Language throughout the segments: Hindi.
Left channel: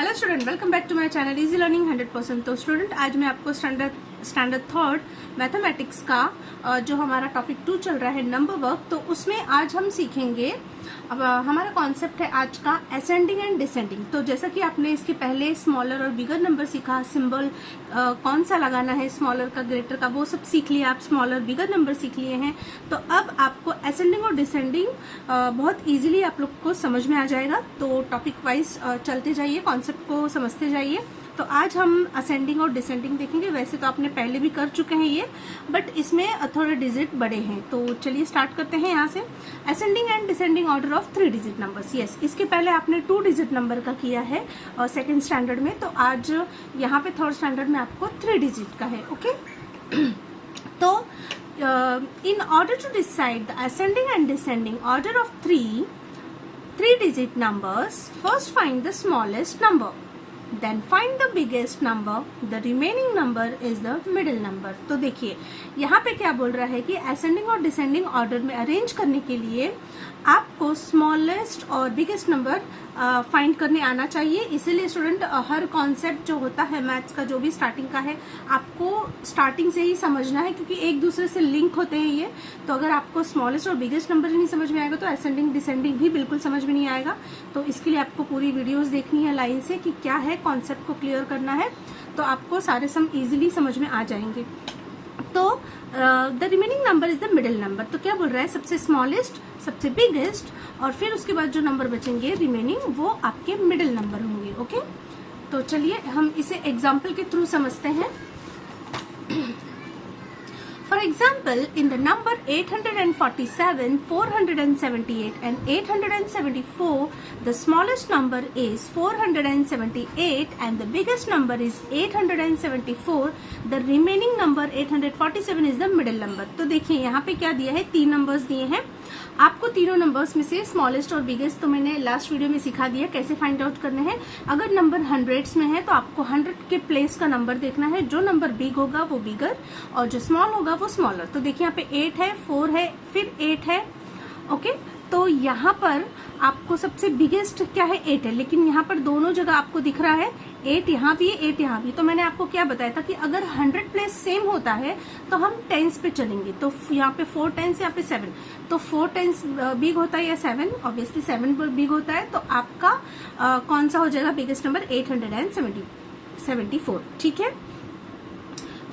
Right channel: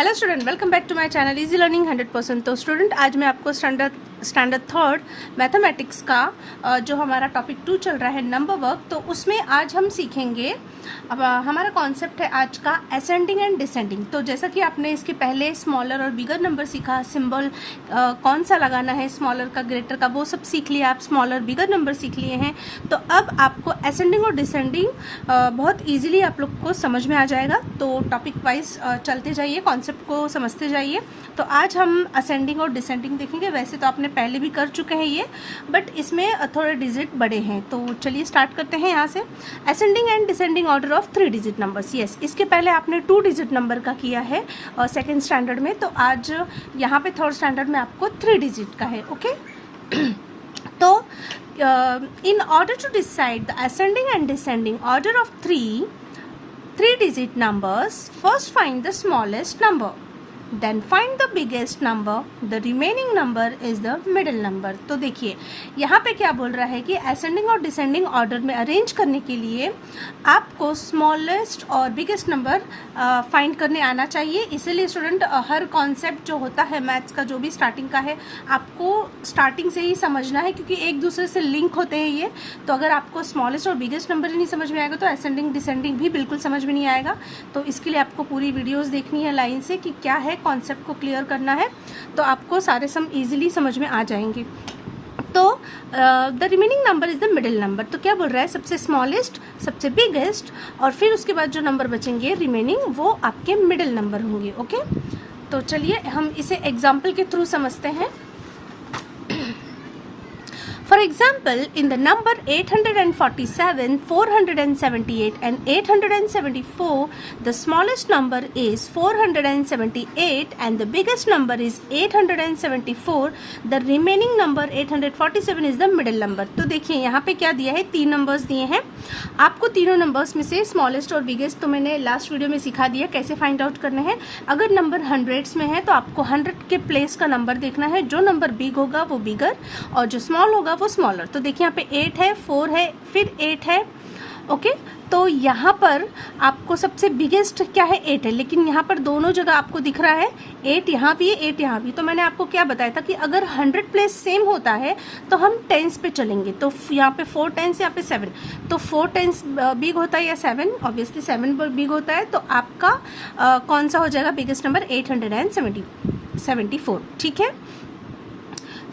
Hello student, welcome back to my channel easy learning 100%। तो स्टूडेंट, आज मैं आपको स्टैंडर्ड थर्ड मैथमेटिक्स का जो हमारा टॉपिक 2 चल रहा है नंबर वर्क, तो उसमें आज हम सीखेंगे। अब हमारा कॉन्सेप्ट है आज का असेंडिंग एंड डिसेंडिंग। तो जैसा कि आपने इसके पहले स्मॉलर और बिगर नंबर सीखा, सिंबल कौन सा लगाना है स्मॉलर का ग्रेटर का, वो सब सीख लिया, आप स्मॉलर बिगर नंबर सीख लिए हैं। तो अब आपको असेंडिंग और डिसेंडिंग बहुत ईजिली आप लोग को समझ में आ जाएगा। तो टॉपिक वाइज चलते जाइए, कॉन्सेप्ट को समझते जाइए। तो आज हम असेंडिंग और डिसेंडिंग देखेंगे। वैसे तो आपने पहले भी कर चुके हैं ये, बट इसमें थोड़े डिजिट बड़े हैं। तो चलिए स्टार्ट करते हैं यहाँ से। Ascending and descending order of 3 digit numbers. Yes, इसके पहले आपने 2 डिजिट नंबर का किया है सेकेंड स्टैंडर्ड में। तो आज यहाँ पे थर्ड स्टैंडर्ड में आपको 3 डिजिट का है। ओके तो in order to decide the ascending and descending order of three digit numbers, first find the smallest number, then find the biggest number, the remaining number is the middle number। तो देखिए यहाँ पे क्या बोल रहा है कि असेंडिंग और डिसेंडिंग ऑर्डर में अरेंज करने के लिए आपको स्मॉलेस्ट और बिगेस्ट नंबर फाइंड करने आना चाहिए। इसीलिए स्टूडेंट, हर कॉन्सेप्ट जो होता है मैथ्स का, जो भी स्टार्टिंग का है, आपको स्टार्टिंग से ही समझना है, क्योंकि एक दूसरे से लिंक होते हैं ये। तो अगर आपको स्मॉलेस्ट और बिगेस्ट नंबर ही नहीं समझ में आएगा तो असेंडिंग डिसेंडिंग भी बिल्कुल समझ में नहीं आएगा। तो इसके लिए आपको पूरी वीडियोस देखनी है लाइन से कि क्या है, कॉन्सेप्ट को क्लियर करना है, तो आपको सारे सम इजीली समझ में आ जाएंगे। तो the remaining number is the middle number. तो क्या बोल रहा है, सबसे स्मॉलेस्ट, सबसे बिगेस्ट, और फिर उसके बाद जो नंबर बचेंगे रिमेनिंग, वो आपके मिडिल नंबर होंगे। ओके तो चलिए हम इसे एग्जाम्पल के थ्रू समझते हैं। For example, in the number 847, 478 and 874, the smallest number is 478 and the biggest number is 874. The remaining number 847 is the middle number। तो देखिए यहाँ पे क्या दिया है, 3 नंबर्स दिए हैं आपको। तीनों नंबर्स में से स्मॉलेस्ट और बिगेस्ट तो मैंने लास्ट वीडियो में सिखा दिया कैसे फाइंड आउट करना है। अगर नंबर हंड्रेड्स में है तो आपको 100 के प्लेस का नंबर देखना है। जो नंबर बिग होगा वो बिगर और जो स्मॉल होगा वो स्मॉलर। तो देखिए यहाँ पे 8 है, 4 है, फिर 8 है। ओके तो यहाँ पर आपको सबसे बिगेस्ट क्या है, 8 है, लेकिन यहाँ पर दोनों जगह आपको दिख रहा है 8 यहाँ भी है, 8 यहाँ भी। तो मैंने आपको क्या बताया था कि अगर 100 प्लेस सेम होता है तो हम टेंस पे चलेंगे। तो यहाँ पे 4 टेंस, यहाँ पे 7, तो 4 टेंस बिग होता है या 7, ऑब्वियसली 7 बिग होता है। तो आपका कौन सा हो जाएगा बिगेस्ट नंबर, 874। ठीक है।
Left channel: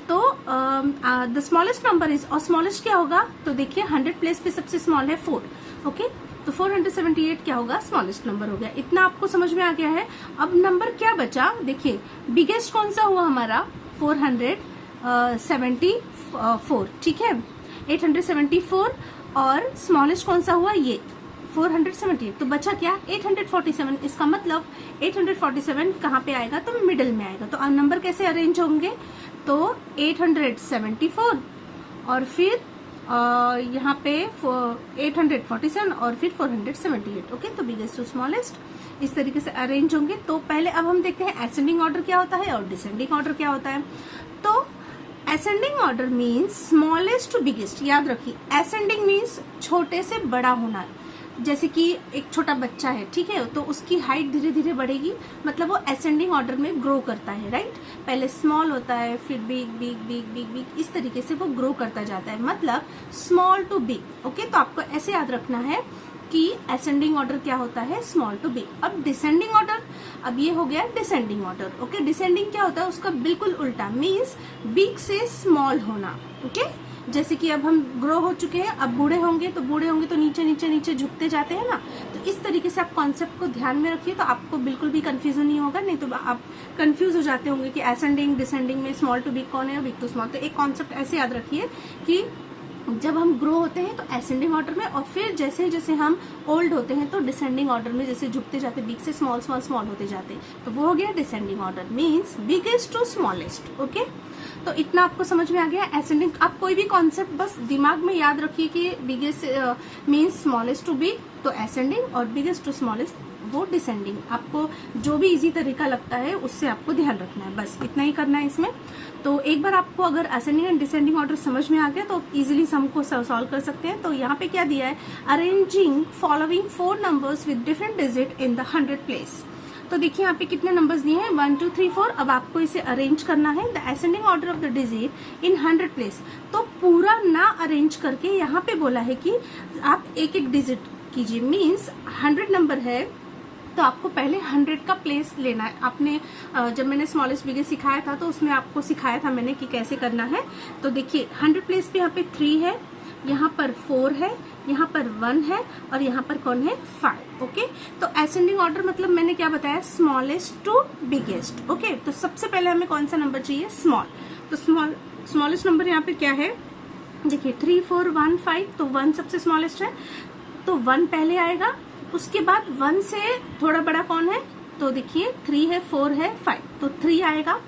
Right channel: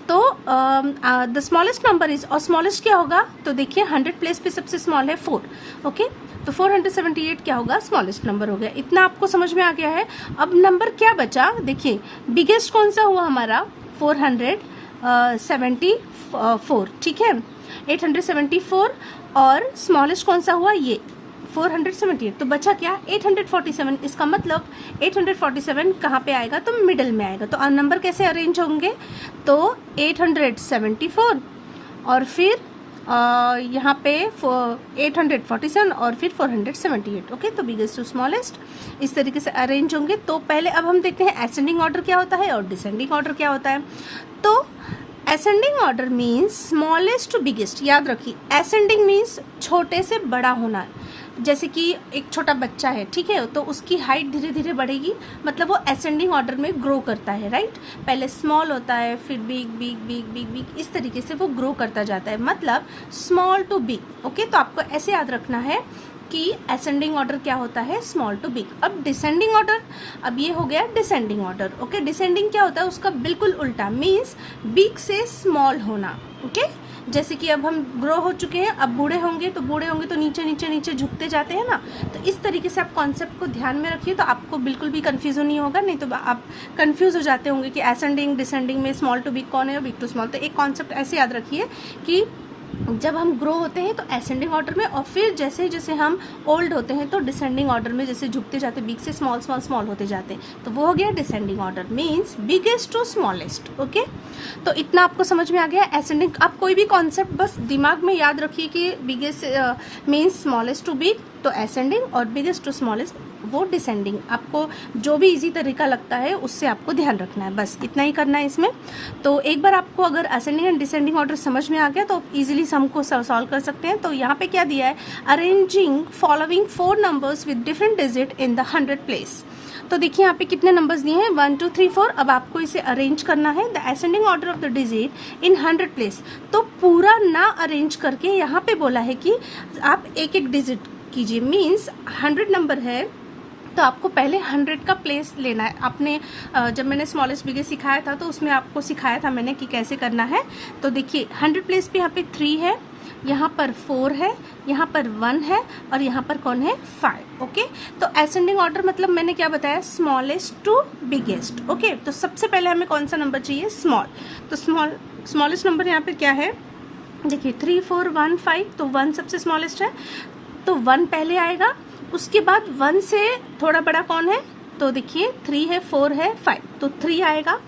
तो द स्मॉलेस्ट नंबर इज, और स्मॉलेस्ट क्या होगा, तो देखिए 100 प्लेस पे सबसे स्मॉल है 4। ओके तो 478 क्या होगा, स्मॉलेस्ट नंबर हो गया। इतना आपको समझ में आ गया है। अब नंबर क्या बचा, देखिए बिगेस्ट कौन सा हुआ हमारा, 474। ठीक है, 874, और स्मॉलेस्ट कौन सा हुआ, ये 478। तो बचा क्या, 847। इसका मतलब 847 कहाँ पे आएगा, तो मिडल में आएगा। तो नंबर कैसे अरेंज होंगे, तो 874 और फिर यहाँ पे 847 और फिर 478। ओके तो बिगेस्ट टू स्मॉलेस्ट इस तरीके से अरेंज होंगे। तो पहले अब हम देखते हैं असेंडिंग ऑर्डर क्या होता है और डिसेंडिंग ऑर्डर क्या होता है। तो ascending order means smallest to biggest. याद रखिए, असेंडिंग मीन्स छोटे से बड़ा होना। जैसे कि एक छोटा बच्चा है, ठीक है, तो उसकी हाइट धीरे धीरे बढ़ेगी, मतलब वो असेंडिंग ऑर्डर में ग्रो करता है, राइट। पहले स्मॉल होता है, फिर big big big big big, इस तरीके से वो ग्रो करता जाता है, मतलब स्मॉल टू बिग। ओके तो आपको ऐसे याद रखना है कि असेंडिंग ऑर्डर क्या होता है, स्मॉल टू बिग। अब डिसेंडिंग ऑर्डर, अब ये हो गया डिसेंडिंग ऑर्डर। ओके डिसेंडिंग क्या होता है, उसका बिल्कुल उल्टा, मीन्स बिग से स्मॉल होना। ओके जैसे कि अब हम ग्रो हो चुके हैं, अब बूढ़े होंगे तो नीचे नीचे नीचे झुकते जाते हैं ना। तो इस तरीके से आप कॉन्सेप्ट को ध्यान में रखिए, तो आपको बिल्कुल भी कंफ्यूजन नहीं होगा। नहीं तो आप कंफ्यूज हो जाते होंगे कि असेंडिंग डिसेंडिंग में स्मॉल टू बिग कौन है और बिग टू स्मॉल। तो एक कॉन्सेप्ट ऐसे याद रखिए कि जब हम ग्रो होते हैं तो असेंडिंग ऑर्डर में, और फिर जैसे जैसे हम ओल्ड होते हैं तो डिसेंडिंग ऑर्डर में, जैसे झुकते जाते, बिग से स्मॉल स्मॉल स्मॉल होते जाते हैं। तो वो हो गया descending order, means biggest to smallest. Okay तो इतना आपको समझ में आ गया असेंडिंग। आप कोई भी कॉन्सेप्ट बस दिमाग में याद रखिए कि biggest means smallest to big, तो असेंडिंग, और बिगेस्ट टू स्मॉलेस्ट वो डिसेंडिंग। आपको जो भी इजी तरीका लगता है उससे आपको ध्यान रखना है, बस इतना ही करना है इसमें। तो एक बार आपको अगर असेंडिंग एंड डिसेंडिंग ऑर्डर समझ में आ गया तो इजीली सम को सॉल्व कर सकते हैं। तो यहाँ पे क्या दिया है, arranging following 4 numbers with different digit in the 100 place. तो देखिए यहाँ पे कितने नंबर्स दिए हैं, 1 2 3 4। अब आपको इसे अरेंज करना है, the ascending order of the digit in 100 place. तो पूरा ना अरेंज करके यहाँ पे बोला है कि आप एक एक डिजिट कीजिए, मीन्स 100 नंबर है तो आपको पहले 100 का प्लेस लेना है। आपने जब मैंने स्मॉलेस्ट बिगेस्ट सिखाया था तो उसमें आपको सिखाया था मैंने कि कैसे करना है। तो देखिए 100 प्लेस पे यहाँ पे 3 है, यहाँ पर 4 है, यहाँ पर 1 है और यहाँ पर कौन है 5। ओके, तो असेंडिंग ऑर्डर मतलब मैंने क्या बताया, स्मॉलेस्ट टू बिगेस्ट। ओके, तो सबसे पहले हमें कौन सा नंबर चाहिए, स्मॉल। तो स्मॉलेस्ट नंबर यहाँ पे क्या है, देखिए 3 4 1 5। तो 1 सबसे स्मॉलेस्ट है तो 1 पहले आएगा, उसके बाद 1 से थोड़ा बड़ा कौन है, तो देखिए 3 है, 4 है, 5, तो 3 आएगा,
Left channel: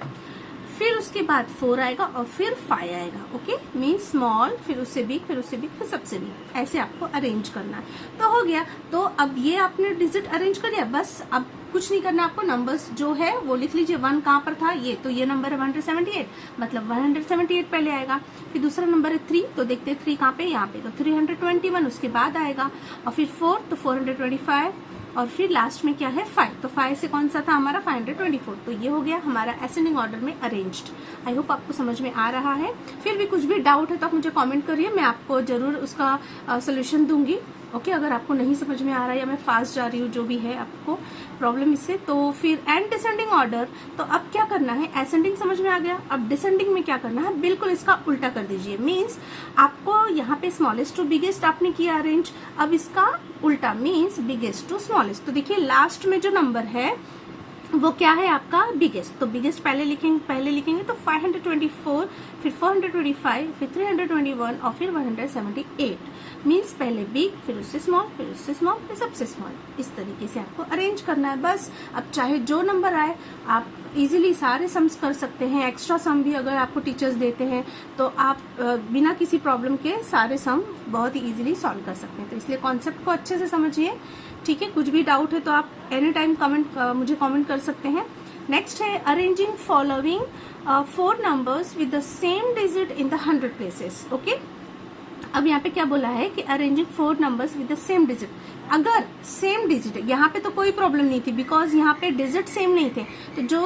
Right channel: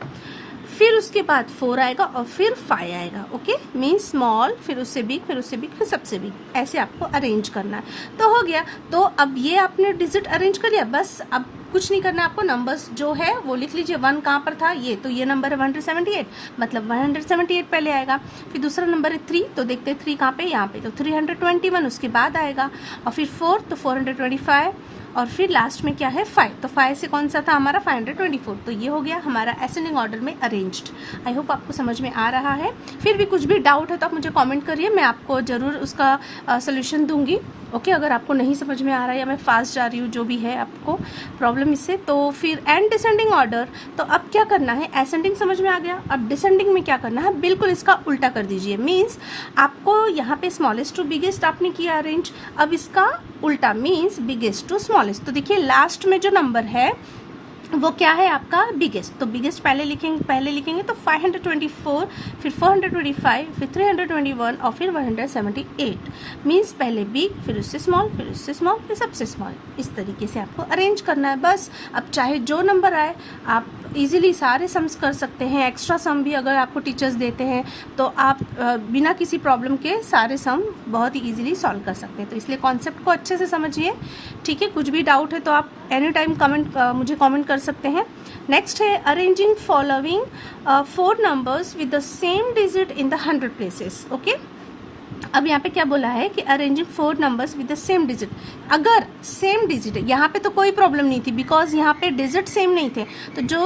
फिर उसके बाद 4 आएगा और फिर 5 आएगा। ओके, मीन स्मॉल, फिर उससे बिग, फिर उससे बिग, फिर सबसे बिग, ऐसे आपको अरेंज करना है। तो हो गया। तो अब ये आपने डिजिट अरेंज कर लिया, बस अब कुछ नहीं करना आपको, नंबर्स जो है वो लिख लीजिए। 1 कहाँ पर था, ये तो ये नंबर है 178, मतलब 178 पहले आएगा। फिर दूसरा नंबर है 3, तो देखते हैं 3 कहाँ पे, यहाँ पे, तो 321 उसके बाद आएगा। और फिर 4 तो 425 और फिर लास्ट में क्या है 5, तो 5 से कौन सा था हमारा 524। तो ये हो गया हमारा असेंडिंग ऑर्डर में अरेंज्ड। आई होप आपको समझ में आ रहा है। फिर भी कुछ भी डाउट है तो आप मुझे कमेंट करिए, मैं आपको जरूर उसका सोल्यूशन दूंगी। ओके, अगर आपको नहीं समझ में आ रहा है या मैं फास्ट जा रही हूँ, जो भी है आपको प्रॉब्लम इससे, तो फिर एंड डिसेंडिंग ऑर्डर। तो अब क्या करना है, असेंडिंग समझ में आ गया, अब डिसेंडिंग में क्या करना है, बिल्कुल इसका उल्टा कर दीजिए। मीन्स आपको यहाँ पे स्मॉलेस्ट टू बिगेस्ट आपने किया अरेंज, अब इसका उल्टा मीन्स बिगेस्ट टू स्मॉलेस्ट। तो देखिए लास्ट में जो नंबर है वो क्या है आपका बिगेस्ट, तो बिगेस्ट पहले लिखेंगे तो 524, फिर 425, फिर 321 और फिर 178। मीन्स पहले बिग, फिर उससे स्मॉल, फिर उससे स्मॉल, फिर सबसे स्मॉल। इस तरीके से आपको अरेंज करना है बस। अब चाहे जो नंबर आए आप इजीली सारे सम्स कर सकते हैं। एक्स्ट्रा सम भी अगर आपको टीचर्स देते हैं तो आप बिना किसी प्रॉब्लम के सारे सम बहुत ही इजीली सॉल्व कर सकते हैं। तो इसलिए कॉन्सेप्ट को अच्छे से समझिए, ठीक है। कुछ भी डाउट है तो आप एनी टाइम मुझे कमेंट कर सकते हैं। नेक्स्ट है arranging following 4 numbers with the same digit in the 100 places. Okay, अब यहाँ पे क्या बोला है कि arranging 4 numbers with the same digit. अगर सेम डिजिट है, यहाँ पे तो कोई प्रॉब्लम नहीं थी बिकॉज यहाँ पे डिजिट सेम नहीं थे, तो जो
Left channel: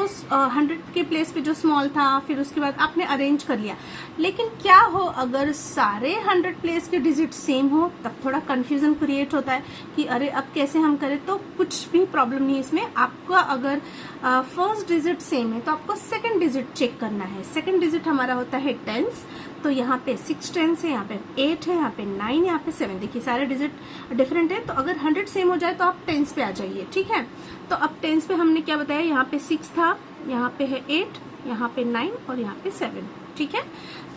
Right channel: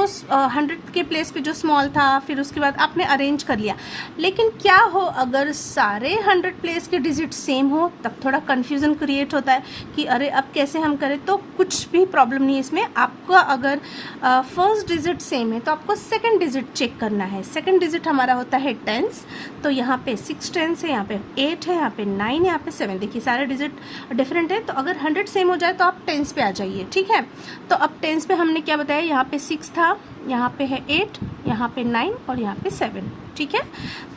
100 के प्लेस पे जो स्मॉल था फिर उसके बाद आपने अरेंज कर लिया। लेकिन क्या हो अगर सारे 100 प्लेस के डिजिट सेम हो, तब थोड़ा कंफ्यूजन क्रिएट होता है कि अरे अब कैसे हम करें। तो कुछ भी प्रॉब्लम नहीं है इसमें। आपका अगर फर्स्ट डिजिट सेम है तो आपको सेकेंड डिजिट चेक करना है। सेकेंड डिजिट हमारा होता है टेंस, तो यहाँ पे 6 टेंस है, यहाँ पे 8 है, यहाँ पे 9 है, यहाँ पे 7। देखिए सारे डिजिट डिफरेंट है, तो अगर 100 सेम हो जाए तो आप टेंस पे आ जाइए, ठीक है। तो अब टेंस पे हमने क्या बताया, यहाँ पे 6 था, यहाँ पे है 8, यहाँ पे 9 और यहाँ पे 7, ठीक है।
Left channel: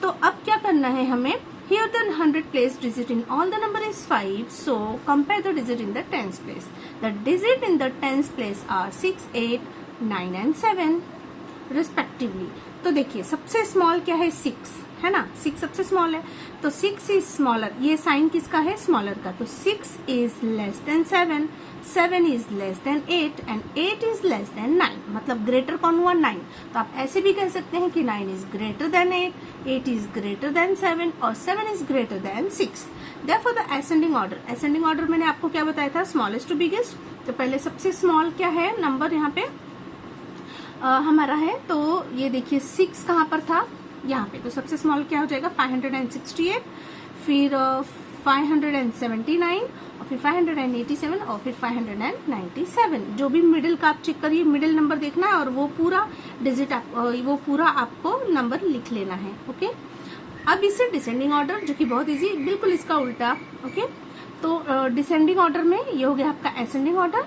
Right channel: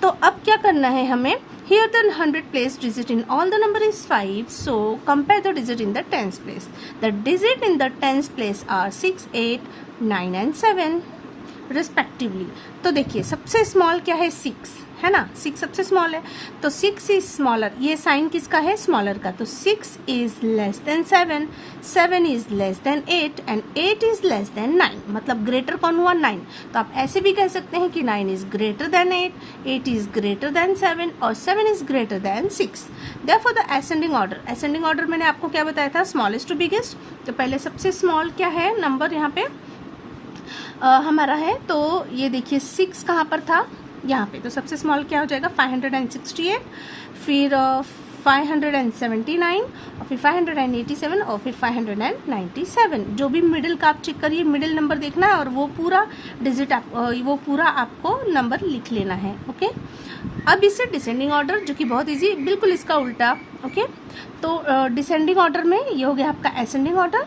तो अब क्या करना है हमें, here the 100 place digit in all the number is 5, so compare the digit in the tens place. The digit in the tens place are 6, 8, 9 and 7 respectively. तो देखिए सबसे स्मॉल क्या है 6 है ना, 6 सबसे स्मॉल है, तो 6 इज स्मॉलर। ये साइन किसका है, स्मॉलर का। तो 6 is less than 7, 7 is less than 8 and 8 is less than 9। मतलब ग्रेटर कौन हुआ 9। तो आप ऐसे भी कह सकते हैं कि 9 is greater than 8, 8 is greater than 7 और 7 is greater than 6। Therefore the ascending order मैंने आपको क्या बताया था, स्मॉलेस्ट टू बिगेस्ट। तो पहले सबसे स्मॉल क्या है नंबर यहाँ पे हमारा है, तो ये देखिए 6 कहाँ पर था, यहाँ पे। तो सबसे स्मॉल क्या हो जाएगा 568, फिर 579 और फिर 587 और फिर 597। जो भी मिडिल का आप चेक करिए, मिडिल नंबर देखना है और वो पूरा डिजिट वो पूरा आपको नंबर लिख लेना है। ओके, अब इससे डिसेंडिंग ऑर्डर जो कि बहुत इजी, बिल्कुल इसका उल्टा। ओके, तो डिसेंडिंग ऑर्डर में ये हो गया आपका असेंडिंग ऑर्डर।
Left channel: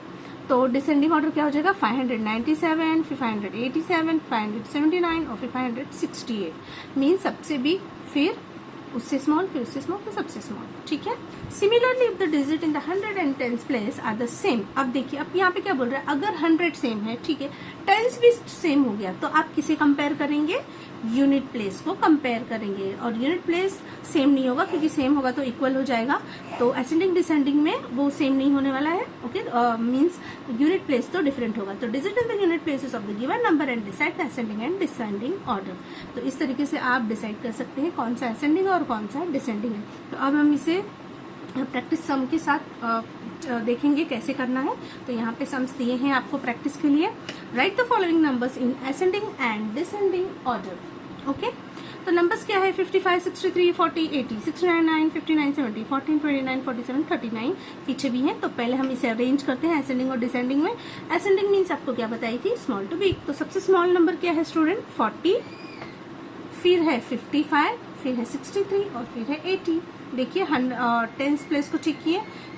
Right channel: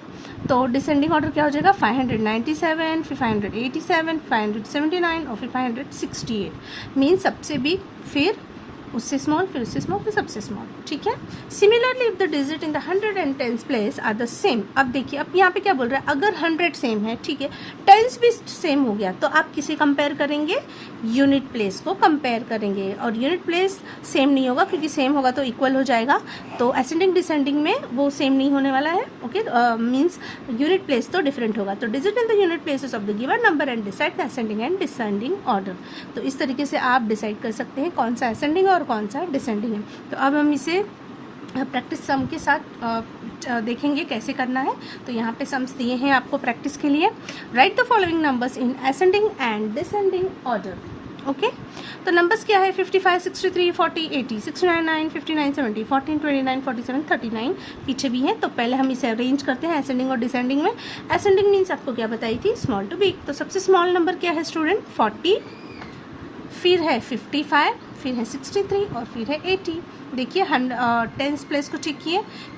तो डिसेंडिंग ऑर्डर क्या हो जाएगा 597, फिर 587, 579 और फिर 568। मीन सबसे बिग, फिर उससे स्मॉल, फिर उससे स्मॉल, फिर सबसे स्मॉल, ठीक है। Similarly if the digit in the 100 and tens place are the same. अब देखिए अब यहाँ पे क्या बोल रहा है, अगर 100 सेम है, ठीक है, टेंस भी सेम हो गया, तो आप किसे कंपेयर करेंगे, यूनिट प्लेस को कंपेयर करेंगे। और यूनिट प्लेस सेम नहीं होगा क्योंकि सेम होगा तो इक्वल हो जाएगा। तो असेंडिंग डिसेंडिंग में वो सेम नहीं होने वाला है। ओके, मीन्स यूनिट प्लेस तो डिफरेंट होगा। तो digit in the unit places of the given number and decide the ascending and descending order. तो इस तरीके से आप डिसाइड कर सकते हैं कौन सा असेंडिंग और कौन सा डिसेंडिंग है। तो अब हम इसे प्रैक्टिस सम के साथ देखेंगे कैसे करना है। तो यहाँ पे सम्स दिए हैं आपको प्रैक्टिस के लिए। Right the following numbers in ascending and descending order. Okay, तो नंबर्स क्या है 55, 63, 40, 80, 69, 9, 59, 70, 14, 29, 47, 39 पीछे भी हैं। तो पहले हम इसे अरेंज करते हैं असेंडिंग और डिसेंडिंग में। असेंडिंग मीन्स आपको क्या बताई थी, स्मॉल टू बिग। तो सबसे स्मॉल नंबर क्या है स्टूडेंट 40, फिर है 55, फिर है 63 और फिर है 80। देखिए 10th प्लेस को ठीक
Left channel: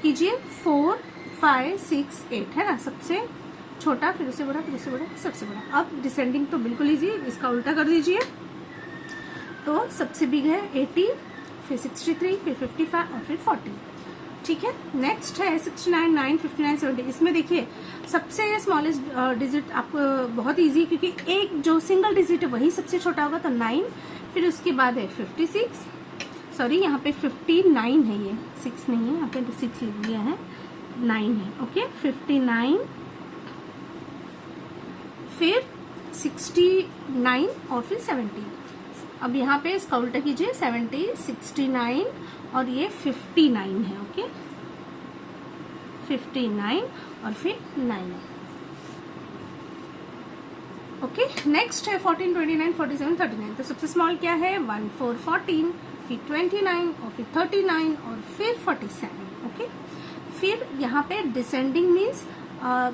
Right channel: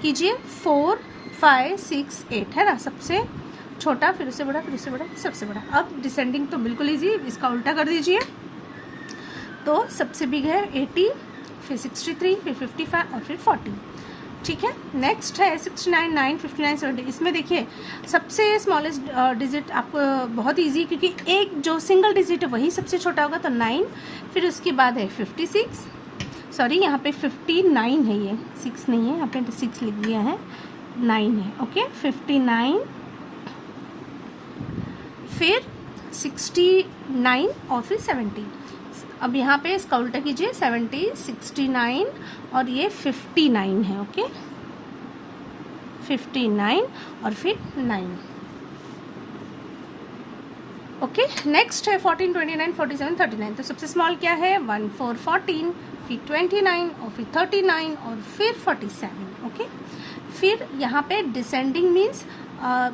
कीजिए 4, 5, 6, 8 है ना, सबसे छोटा, फिर उससे बड़ा, फिर उससे बड़ा, सबसे बड़ा। अब डिसेंडिंग तो बिल्कुल इजी, इसका उल्टा कर दीजिए। तो सबसे बिग है 80, फिर 63, फिर 55 और फिर 40। ठीक है, नेक्स्ट है 69, 9, 59, 70। इसमें देखिए सबसे स्मॉलेस्ट डिजिट आपको बहुत इजी, क्योंकि एक जो सिंगल डिजिट है वही सबसे छोटा होगा, तो 9, फिर उसके बाद है 56, सॉरी यहाँ पे 59 है, ये 6 नहीं है, यहाँ पे 6 लिख दिया है, 9 है। ओके, 59, फिर 69 और फिर 70। अब यहाँ पे इसका उल्टा कीजिए 70, 69 और ये 59 है। ओके, 59 और फिर 9। ओके, नेक्स्ट है 14, 29, 47, 39। तो सबसे स्मॉल क्या है 1, 4, 14, फिर 29 और फिर 39 और फिर 47। ओके, फिर यहाँ पे डिसेंडिंग मीन्स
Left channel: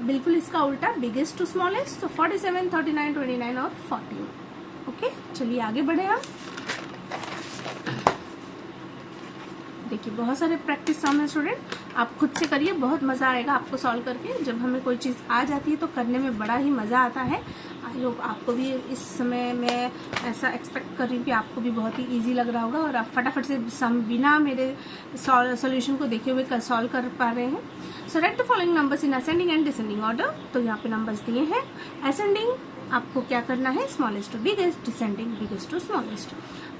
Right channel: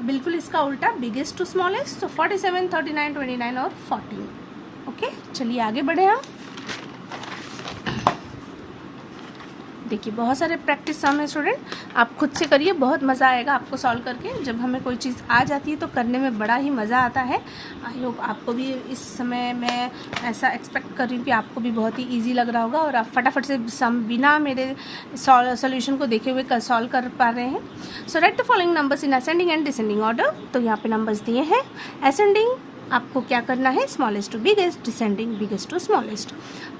बिल्कुल इसका उल्टा, बिगेस्ट टू स्मॉलेस्ट। तो 47, 39, 29 और 14। ओके, चलिए आगे बढ़े हम। देखिए बहुत सारे प्रैक्टिस सम है स्टूडेंट, आप खुद से करिए, बहुत मज़ा आएगा आपको सॉल्व करके। जब हमें कोई चीज़ आ जाती है तो करने में बड़ा ही मज़ा आता है। आई होप आपको भी इस समय मैं ऐसा एक्सपेक्ट कर रही हूँ कि आपको भी बहुत ही इजी लग रहा होगा और आप फटाफट से सम बिना मेरे सॉल्यूशन को देखे हुए सॉल्व कर पा रहे हैं। So write the following numbers in ascending and descending order. तो यहाँ पे नंबर्स दिए हैं। असेंडिंग आपको क्या करना है, smallest to biggest, descending biggest to smallest.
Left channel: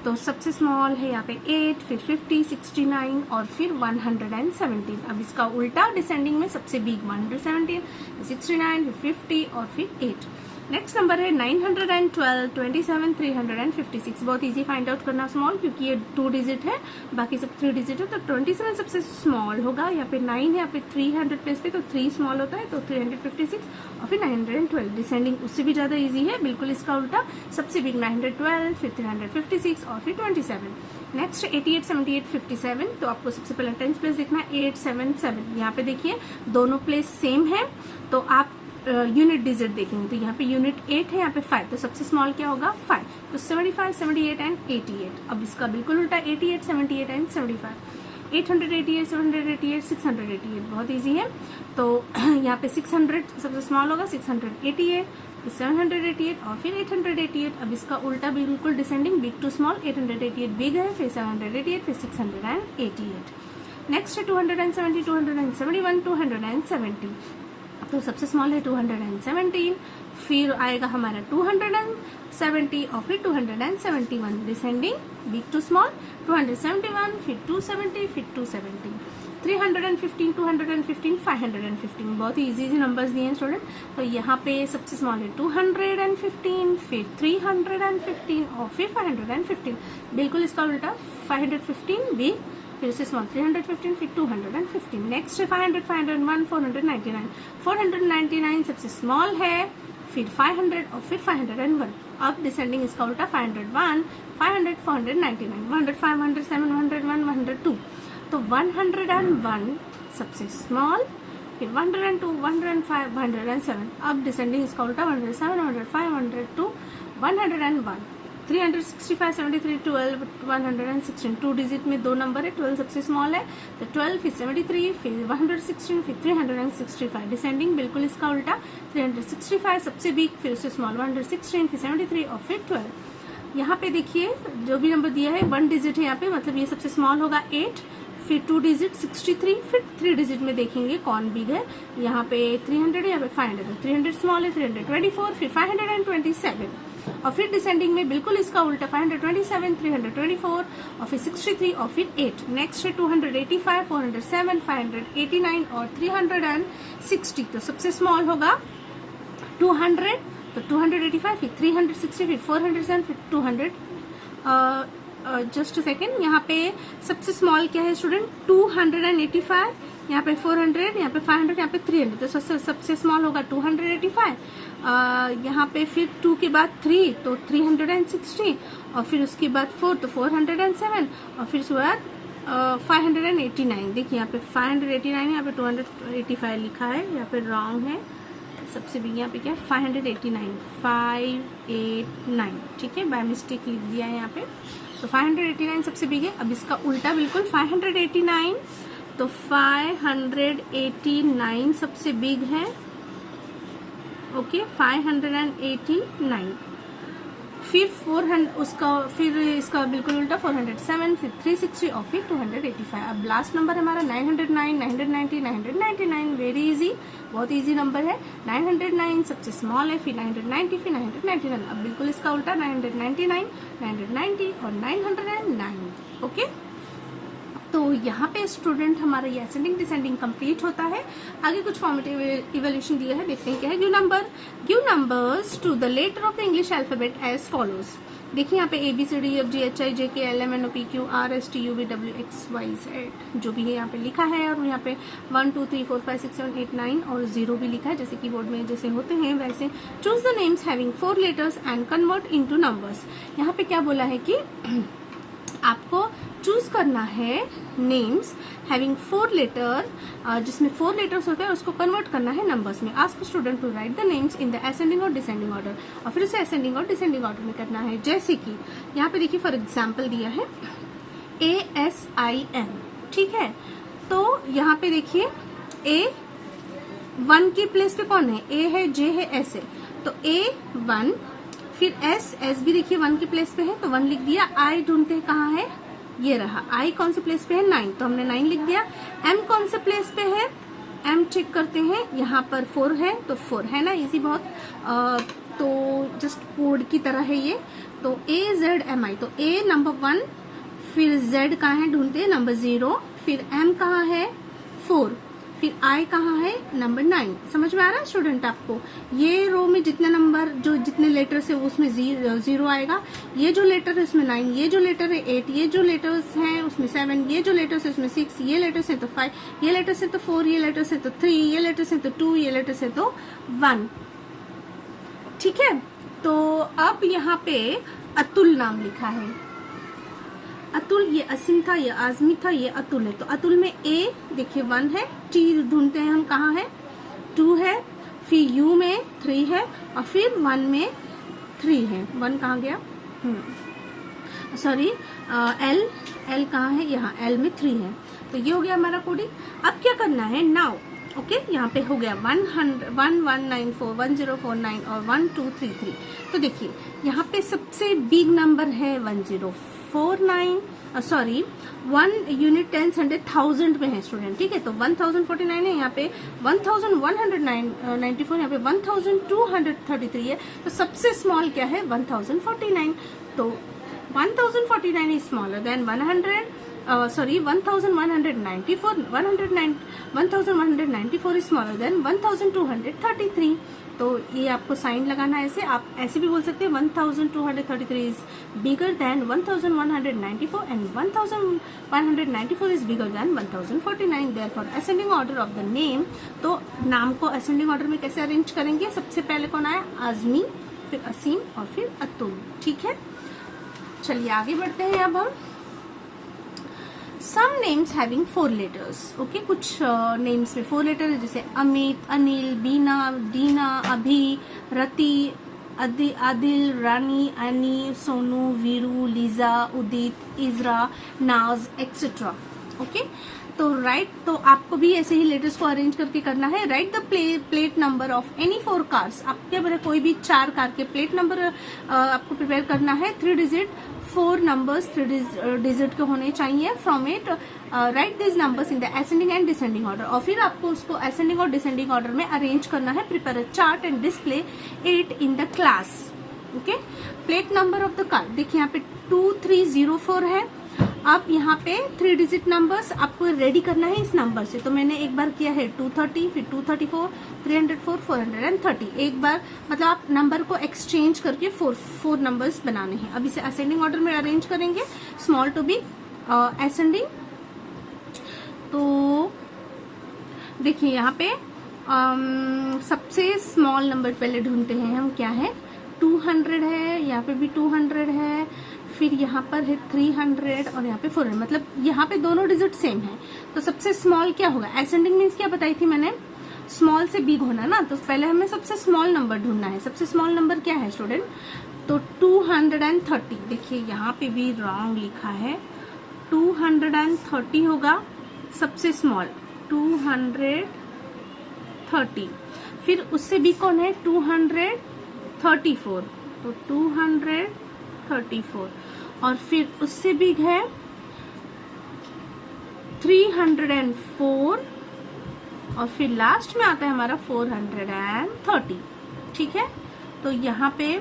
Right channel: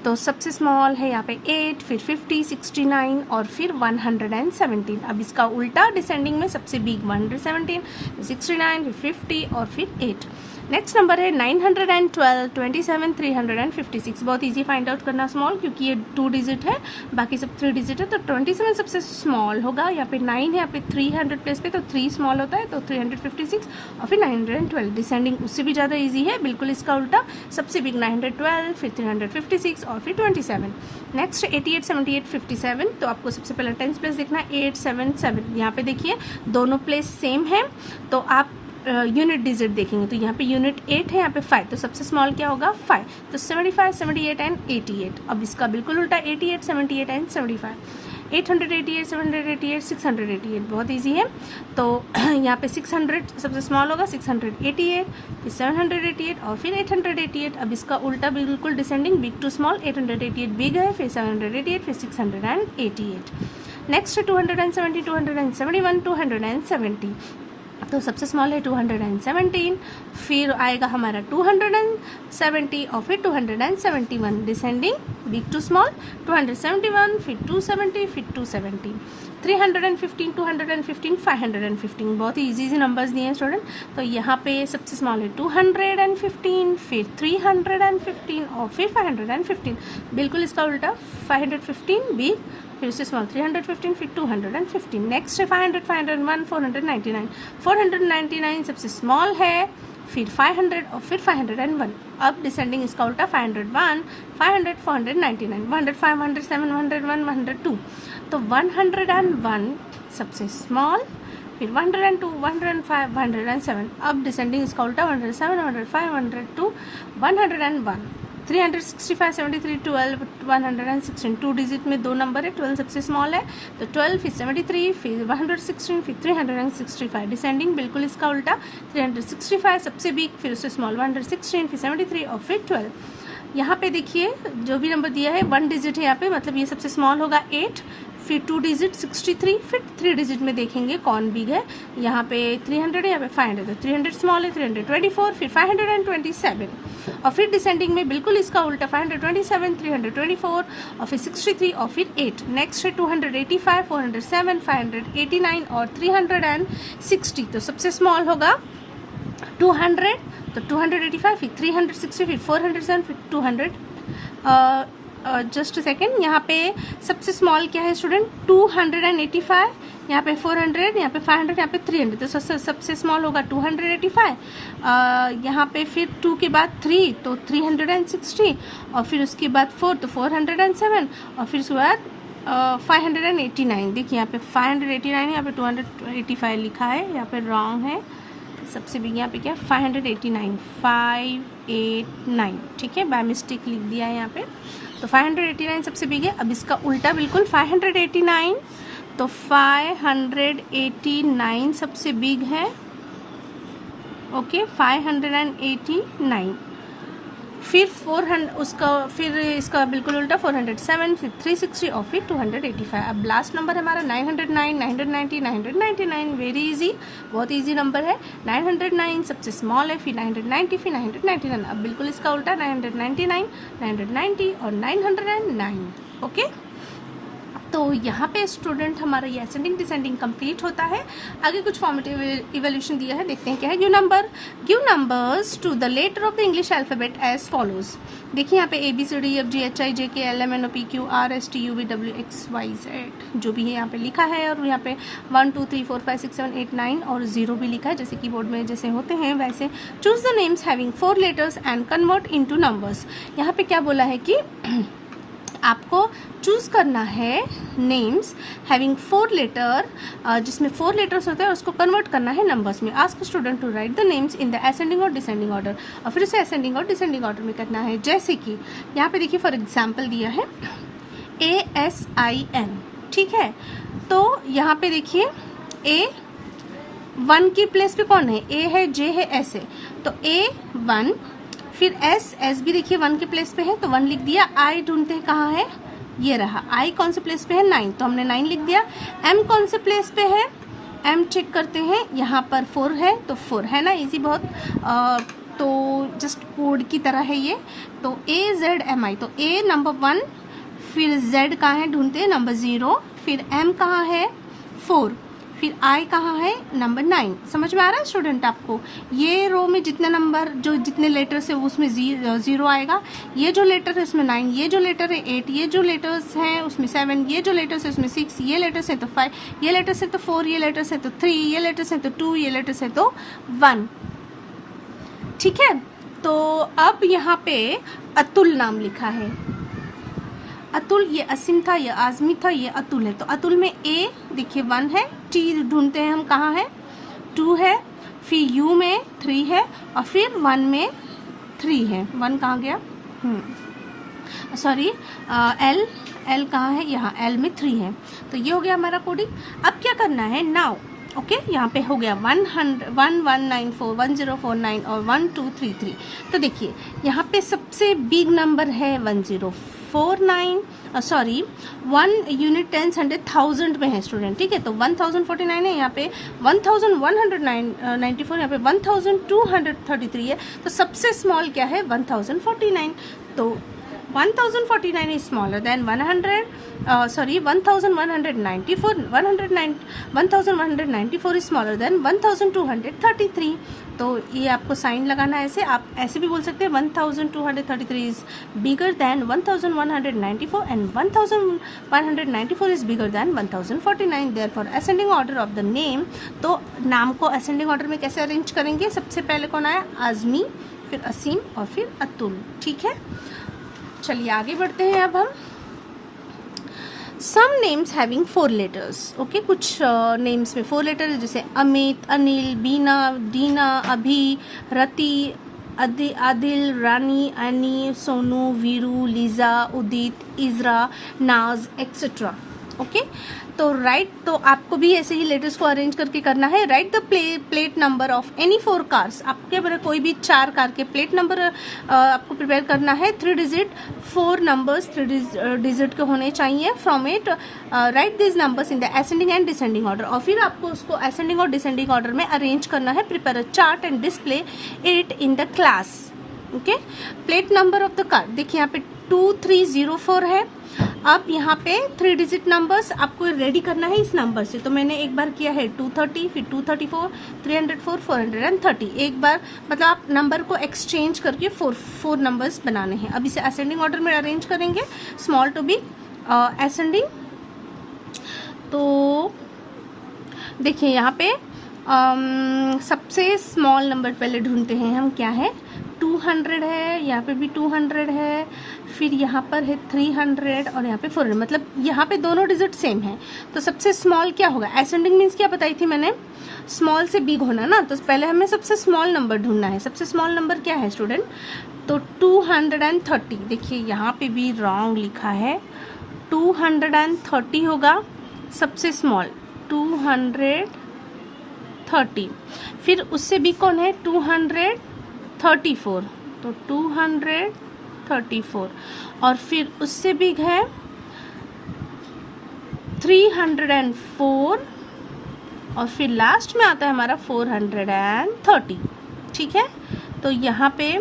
तो सबसे स्मॉल है यहाँ पे 8, फिर 50, 69 और फिर 117। अब इसका उल्टा डिसेंडिंग में सबसे बिग 117, 69, फिर 50 और फिर 8। नेक्स्ट नंबर है 912, 27, 356। बहुत इजी फाइंड आउट करना स्मॉल, क्योंकि ये 2 डिजिट है, बाकी सब 3 डिजिट है। तो 27 सबसे स्मॉल होगा। यहाँ पे 9 है, यहाँ पे 300 प्लेस पे, तो 3 स्मॉल होता है, तो 356 और फिर 912। डिसेंडिंग उससे भी ज़्यादा इजी है, बिल्कुल इसका उल्टा, सबसे बिग 912, फिर 356 और फिर 27। नेक्स्ट 88, 78, 57। तो आपको सबसे पहले 10th प्लेस देखना है 8, 7, 7। यहाँ पे देखिए दोनों प्लेस सेम है, तो आप यूनिट डिजिट देखेंगे। तो यहाँ पे यूनिट 8 है, यहाँ पे 5, तो सबसे स्मॉल क्या होगा 5। तो 75, 78 एंड 88। अब इसका बिल्कुल उल्टा 88, 78 एंड 75। 888, 788, 688 बहुत इजी है। तो यहाँ पे 600 सबसे स्मॉल होगा, 688, फिर 788 और फिर 888। अब इसका उल्टा बिल्कुल descending, big to small. 888 big है, फिर 788, फिर 688। नेक्स्ट 270, 271, 270। तो सबसे स्मॉल है 217, फिर आएगा हमारा 270 और फिर 271। डिसेंडिंग बिग टू स्मॉल 271, फिर 270, फिर 270। 315, 215, 515। बहुत ही इजी नंबर्स दिए हैं स्टूडेंट। तो यहाँ पे सबसे स्मॉल है 215, फिर 315 और फिर 515। बिल्कुल इसका उल्टा 515 बिग, फिर उससे स्मॉल 315, फिर 215। नेक्स्ट है 500, 501, 499। 499 सबसे स्मॉल है, फिर 500 और फिर 501। अब डिसेंडिंग इसका उल्टा 501, 500, 499, 100, 500, 701, 102। तो 101 सबसे स्मॉल, फिर 102, 105, 107। अब डिसेंडिंग इसका उल्टा 107, 105, 102, 101। 365, 73, 12, 116। 2 डिजिट में 2 नंबर है, 12 सबसे स्मॉल है, तो 12, फिर 73, फिर 116, फिर 365। डिसेंडिंग बिल्कुल इसका उल्टा 365 सबसे बिग, फिर उससे स्मॉल 116, फिर 73 और फिर 12। यहाँ पे देखिए जो भी नंबर दिया है 1 डिजिट है यहाँ पे, मतलब ये सबसे स्मॉल होगा 8, फिर 2 डिजिट 63, फिर 3 डिजिट में देखेंगे कौन बिग है। यहाँ पे 300 है, यहाँ पे 500 है, 300 स्मॉल है, 324, फिर 527 और फिर डिसेंडिंग में बिल्कुल इसका उल्टा 527, 324 और फिर 63 और फिर 8। नेक्स्ट है 285, 407, 589 और 360। तो सबसे स्मॉल होगा 200, तो 285, फिर 360, फिर 407, फिर जस्ट सेकेंड, यहाँ पे सबसे स्मॉल क्या है स्टूडेंट 285, यहाँ पे 400, यहाँ पे 500, यहाँ पे 300, तो सबसे स्मॉल होगा 285। यहाँ पे फिर 2 के बाद 3 तो 360, और फिर उसके बाद 4 तो 407, और फिर उसके बाद 589। देखिए यहाँ पे 589, यहाँ पे 285 लिखा है, यहाँ पे रॉन्ग है। सबसे बिग यहाँ पे क्या है 589, 589, ठीक है, बाय मिस्टेक लिख दिया है यहाँ पे। तो 589 सबसे बिग है। अब इसका उल्टा बिल्कुल 589, तो 589 सबसे बिग है। ओके 589, फिर 400 उसका, फिर इसका बिल्कुल उल्टा 407, फिर 360 और फिर 285। अब लास्ट नंबर हमारा 909, 990, 999, वेरी इजी, बहुत इजी नंबर है। 909 सबसे स्मॉल है, फिर 990, फिर 999। अब बिल्कुल इसका उल्टा 999, 990 और 909। ओके, तो यहाँ पे स्टूडेंट हमारा ये असेंडिंग डिसेंडिंग कंप्लीट होता है। आगे कुछ फॉर्मेटिव इवोल्यूशन दिया है, देखते हैं क्या है। Give numbers to the letter of the English alphabet as follows. देखिए यहाँ पे ABCDEFGHIJKLMNOPQRSTUVWXYZ जो भी है यहाँ पे लिखा है, और यहाँ पे 1 2 3 4 5 6 7 8 9 और 0 भी लिखा है, जैसे कीबोर्ड में जैसे होते हैं वैसे। Choose the names having 4 letters and convert into numbers. यहाँ पे क्या बोला है कि आपको चूज करना है नेम्स हैविंग 4 लेटर, जिसमें 4 लेटर्स होते हैं, उसको कन्वर्ट करना है नंबर्स में। Ask student to write the names in the ascending और डिसेंडिंग ऑर्डर, और फिर उसे असेंडिंग और डिसेंडिंग ऑर्डर में करना है। जैसे कि यहाँ पे देखिए फॉर एग्जाम्पल दिया है ASIN, ठीक है। तो यहाँ पे देखिए A1 की प्लेस पे कौन है, A है, J है, S है, तो A1, फिर S भी देखिए 1 के प्लेस पे है तो 1 लिख दिया। I ढूंढते हैं कहाँ है, ये रहा। I कौन से प्लेस पे है, 9, तो हमने 9 लिख दिया। M कौन से प्लेस पे है, M चेक करते हैं, यहाँ पर 4 है तो 4 है ना, इजी बहुत। तो जस्ट कोड की तरह है ये। तो AZMI, तो A नंबर 1, फिर Z कहाँ है ढूंढते हैं, नंबर 0, फिर M कहाँ है 4, फिर I कहाँ है नंबर 9। समझ में आ रहा है स्टूडेंट आपको। ये रो में जितने नंबर जो जितने लेटर्स है उसमें 0 आएगा, ये जो लेटर है उसमें 9, ये जो लेटर है 8, ये जो लेटर्स हैं उसमें 7, ये जो लेटर्स है उसमें 6, ये लेटर्स है तो 5, ये लेटर्स है तो 4, ये लेटर्स है तो 3, ये लेटर्स है तो 2, ये लेटर्स है तो 1, ठीक है। तो अब यहाँ पे अतुल नाम लिखा है, अतुल, ये असीम था, ये आजमी था, ये अतुल है। तो अतुल में A देखिए 1 है, T ढूंढते हैं हम कहाँ है, 2 है, फिर U में 3 है, और फिर 1 में 3 है। 1 कहाँ गया, सॉरी L कहाँ है, यहाँ L में 3 है। तो ये हो गया हमारा कोडिंग। अब क्या करना है नाउ, ओके यहाँ पे हो गया 1194 1049 और 1233। तो देखिए यहाँ पे सबसे बिग नंबर है 1049, सॉरी 1 यूनिट 10 100 1000 में है स्टूडेंट, ठीक है। तो 1049 है, यहाँ पे 1194, यहाँ पे 1233 है। तो सबसे स्मॉल क्या है 1049, तो 1049 is smaller than 1194, 1194 is smaller than 1233। तो ये आपको साइन लगाना है ऐसे, आप ऐसे भी बोल सकते हैं 1233 is bigger than 1194 and 1194 is bigger than 1049। therefore ascending order of the name, तो नाम को ascending order में कैसे अरेंज करेंगे, सबसे पहले कौन आया, आजमी, फिर असीम और फिर अतुल, ठीक है। चलिए आगे बढ़ते हैं अब हम। Some names having 4 letters, okay, कुछ नेम्स में 4 लेटर है, जैसे अमित, अनिल, बीना, दीना, अभी, रति, आदिल, रानी, अनी, सोनू, वीरू, लीजा, उदित, इजरा, नाज एक्सेट्रा। ओके, तो राइट, तो आपको भी ऐसे ही लेटर्स को अरेंज करके करना है। Right the plate number of any 4 cars, आपके बड़े कोई भी 4 कार के प्लेट नंबर आपको प्रिपेयर करना है। 3 डिजिट 4 नंबर्स 3 डिजिट के होने चाहिए। From it right this numbers in the ascending and descending order, और फिर आपको उसको असेंडिंग और डिसेंडिंग ऑर्डर में अरेंज करना है। Prepare a chart and display it in the class. Okay, plate number of the car देखिए यहाँ पे 2304 है, अब यहाँ पे 3 डिजिट नंबर्स आपको रेडी करना है इस नंबर से। तो मैंने एक बार किया है 230, फिर 234, 304, 430। एक बार मतलब आप नंबर को एक्सचेंज करके फोर नंबर्स बनाने हैं। अब इसे असेंडिंग ऑर्डर में अरेंज करेंगे, स्मॉल टू बिग असेंडिंग। तो देखिए यहाँ पे सबसे स्मॉल नंबर पहले ढूंढते हैं हम, क्या है 200 है, यहाँ पे भी 200 है, फिर यहाँ पर है 300 और यहाँ पे 400, मतलब यहाँ पे दोनों डिजिट सेम है। तो सबसे स्मॉल क्या होगा, असेंडिंग मीन्स क्या बताई थी मैंने, स्मॉल से बिग होना ना। तो पहले हमें सबसे स्मॉल नंबर ढूंढना है। सबसे स्मॉल नंबर क्या है स्टूडेंट, तो 230। देखिए यहाँ पे भी रॉन्ग लिखा है, 230 होगा सबसे स्मॉल, 230। फिर उससे भी कौन है 234, तो 234। और फिर उससे बिग है 304 और फिर लास्ट में आता है हमारा 430। ठीक है, तो यहाँ पे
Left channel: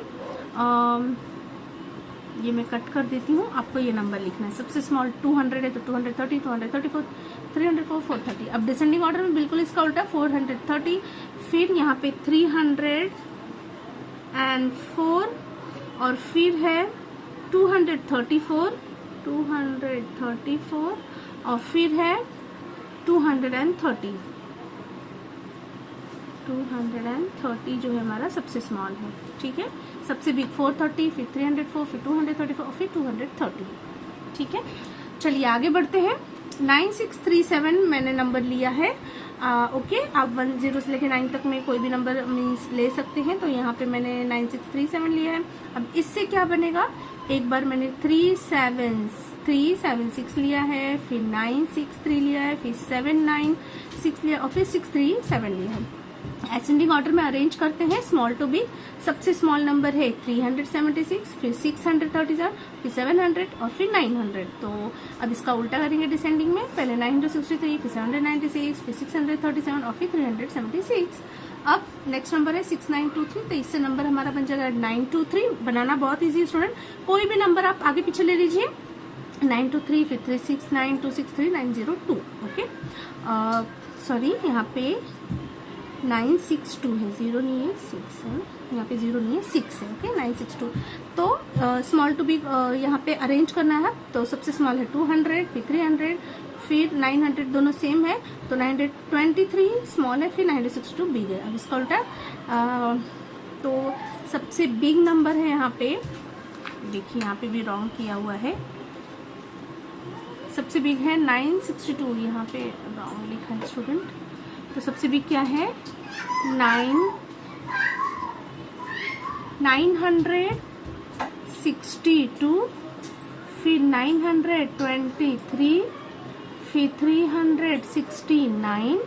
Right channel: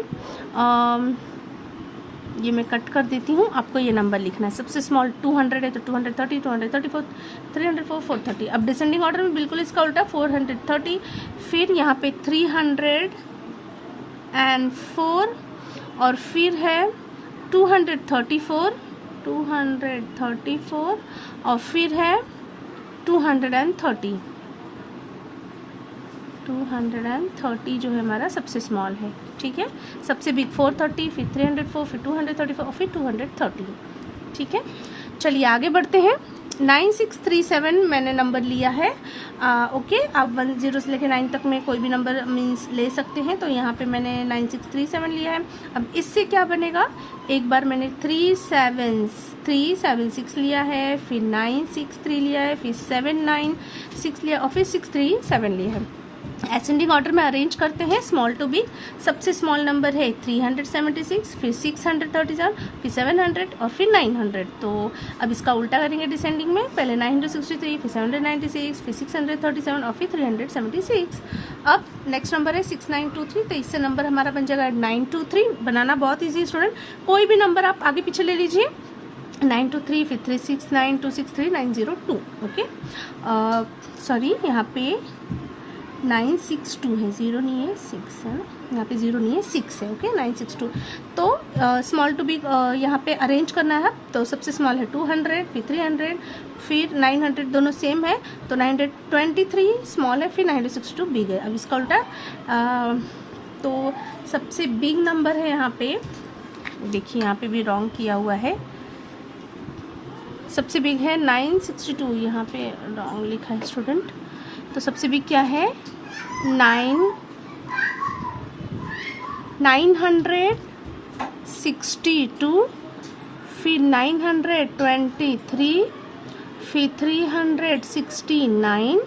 ये मैं कट कर देती हूँ, आपको ये नंबर लिखना है। सबसे स्मॉल 200 है तो 230, 234, 304, 430। अब डिसेंडिंग ऑर्डर में बिल्कुल इसका उल्टा 430, फिर यहाँ पे 304 और फिर है 234 और फिर है 230 जो है हमारा सबसे स्मॉल है। ठीक है, सबसे बिग 430, फिर 304, फिर 234 और फिर 230। ठीक है, चलिए आगे बढ़ते हैं। 9637 मैंने नंबर लिया है। ओके, आप 10 से लेकर 9 तक में कोई भी नंबर मीन्स ले सकते हैं। तो यहाँ पे मैंने 9637 लिया है। अब इससे क्या बनेगा, एक बार मैंने 376 लिया है, फिर 963 लिया है, फिर 796 लिया और फिर 637 लिया है। असेंडिंग ऑर्डर में अरेंज करते हैं स्मॉल टू बिग। सबसे स्मॉल नंबर है 376, फिर 637, फिर 700 और फिर 900। तो अब इसका उल्टा करेंगे डिसेंडिंग में, पहले 963, फिर 796, फिर 637 और फिर 376। अब नेक्स्ट नंबर है 6923, तो इससे नंबर हमारा बन जाएगा 923। बनाना बहुत ईजी है स्टूडेंट, कोई भी नंबर आप आगे पीछे ले लीजिए। 923, फिर 369, 263, 902। ओके, सॉरी यहाँ पे 962 है, 0 नहीं है, 6 है, यहाँ पे 0 नहीं है, 6 है। ओके, 962। तो स्मॉल टू बिग यहाँ पे अरेंज करना है। तो सबसे स्मॉल है 200, फिर 300, फिर 900, दोनों सेम है। तो 923 स्मॉल है, फिर 962 बिग है। अब इसका उल्टा तो सबसे बिग नंबर है यहाँ पे, देखिए यहाँ पे भी रॉन्ग किया हुआ है। सबसे बिग है 962, यहाँ पे रॉन्ग लिखा है स्टूडेंट। तो सबसे बिग क्या है 962, फिर 923, फिर 369,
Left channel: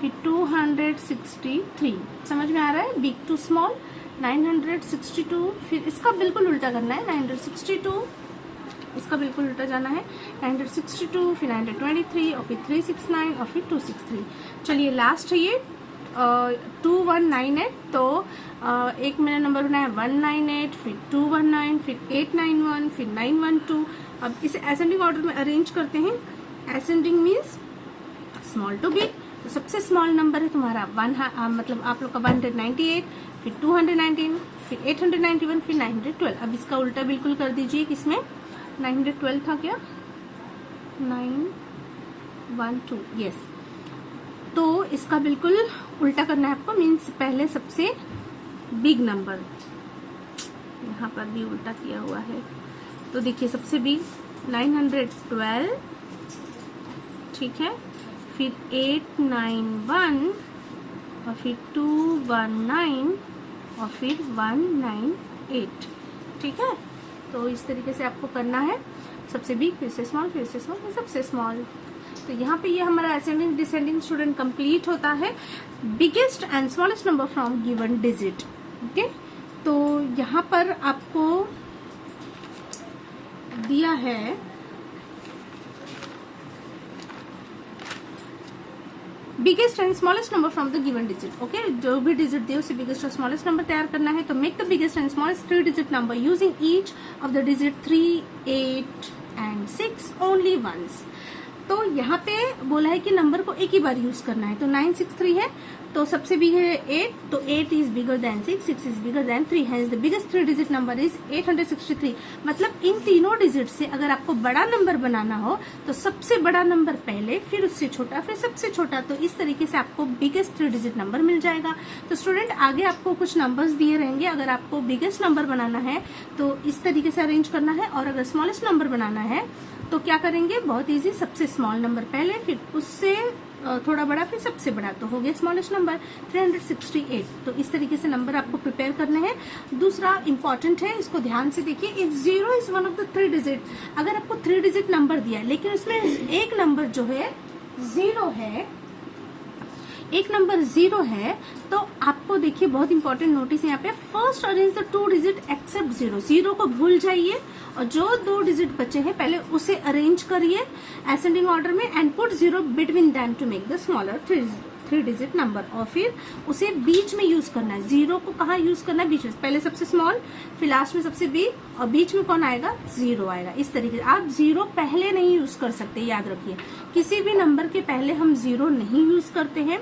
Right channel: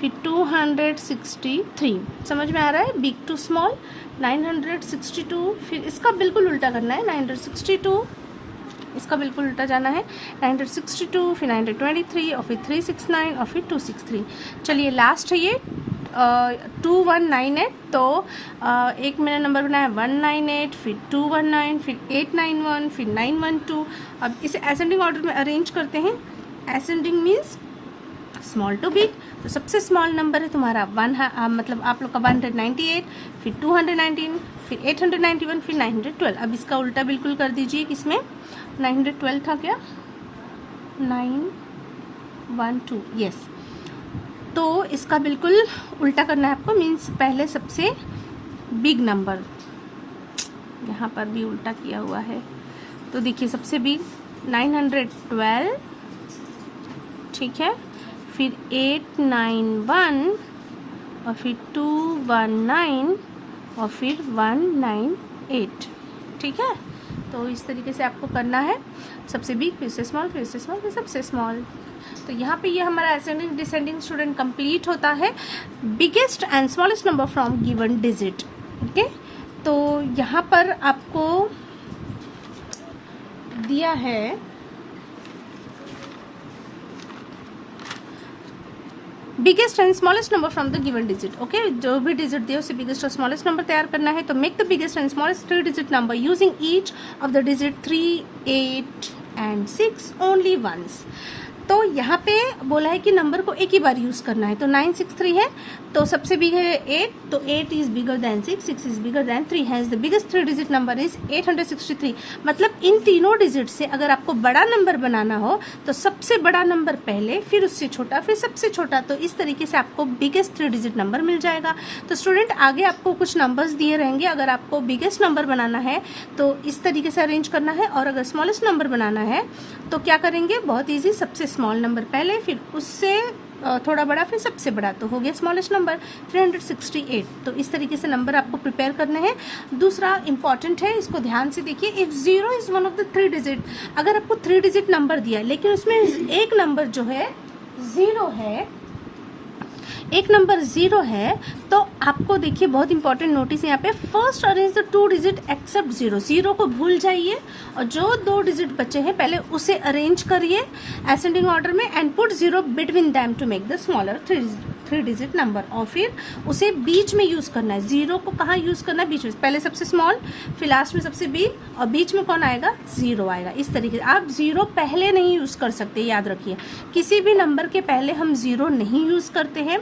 फिर 263। समझ में आ रहा है, बिग टू स्मॉल 962। फिर इसका बिल्कुल उल्टा करना है, 962 इसका बिल्कुल उल्टा जाना है, 962, फिर 923 और फिर 369 और फिर 263। चलिए लास्ट है ये 2198। तो एक मैंने नंबर बनाया 198, फिर 219, फिर 891, फिर 912। अब इसे असेंडिंग ऑर्डर में अरेंज करते हैं। Ascending means small to big. तो सबसे स्मॉल नंबर है तुम्हारा मतलब आप लोग का 198, फिर 219, फिर 891, फिर 912। अब इसका उल्टा बिल्कुल कर दीजिए, किसमें 912 था क्या, 912, यस। तो इसका बिल्कुल उल्टा करना है आपको, मीन्स पहले सबसे बिग नंबर, यहाँ पर भी उल्टा किया हुआ है। तो देखिए सबसे बिग 912, ठीक है, फिर 891 और फिर 219 और फिर 198। ठीक है, तो इस तरीके से आपको करना है, सबसे बिग, फिर से स्मॉल, फिर से स्मॉल, फिर सबसे स्मॉल। तो यहाँ पे ये हमारा असेंडिंग डिसेंडिंग स्टूडेंट कंप्लीट होता है। Biggest and smallest number from given digit. Okay, तो यहाँ पर आपको दिया है biggest and smallest number from the given digit. Okay, जो भी डिजिट दिया उसे बिगेस्ट और स्मॉलेस्ट नंबर तैयार करना है। तो make the biggest and smallest 3 digit number using each of the digit 3, 8, and 6 only once. तो यहाँ पे बोला है कि नंबर को एक ही बार यूज करना है, तो 963 है तो सबसे बिग है 8, तो 8 is bigger than 6, 6 is bigger than 3, has the biggest 3 digit number is 863. मतलब इन तीनों डिजिट से अगर आपको बड़ा नंबर बनाना हो तो सबसे बड़ा नंबर पहले, फिर उससे छोटा, फिर सबसे छोटा, तो इस तरीके से आपको बिगेस्ट 3 डिजिट नंबर मिल जाएगा. तो स्टूडेंट आगे आपको कुछ नंबर्स दिए रहेंगे, अगर आपको बिगेस्ट नंबर बनाना है तो इस तरीके से अरेंज करना है, और अगर स्मॉलेस्ट नंबर बनाना है तो क्या करेंगे, बहुत ईजी, सबसे स्मॉल नंबर पहले, फिर उससे थोड़ा बड़ा, फिर सबसे बड़ा, तो हो गया स्मॉलेस्ट नंबर 368. तो इस तरीके से नंबर आपको प्रिपेयर करने हैं. दूसरा इंपॉर्टेंट है, इसको ध्यान से देखिए, if 0 is one of the 3 digit, अगर आपको 3 डिजिट नंबर दिया है लेकिन उसमें एक नंबर जो है 0 है, एक नंबर 0 है, तो आपको देखिए बहुत इंपॉर्टेंट नोटिस यहाँ पे, first arrange the 2 digit except 0. 0 को भूल जाइए और जो 2 डिजिट बचे हैं पहले उसे अरेंज करिए असेंडिंग ऑर्डर में and put 0 between them to make the smaller 3 digit number, और फिर उसे बीच में यूज करना है. 0 को कहाँ यूज करना है, बीच में, पहले सबसे स्मॉल, फिर लास्ट में सबसे बिग, और बीच में कौन आएगा, 0 आएगा. इस तरीके से आप 0 पहले नहीं यूज कर सकते, याद रखिए, किसी भी नंबर के पहले हम 0 नहीं यूज करते हैं,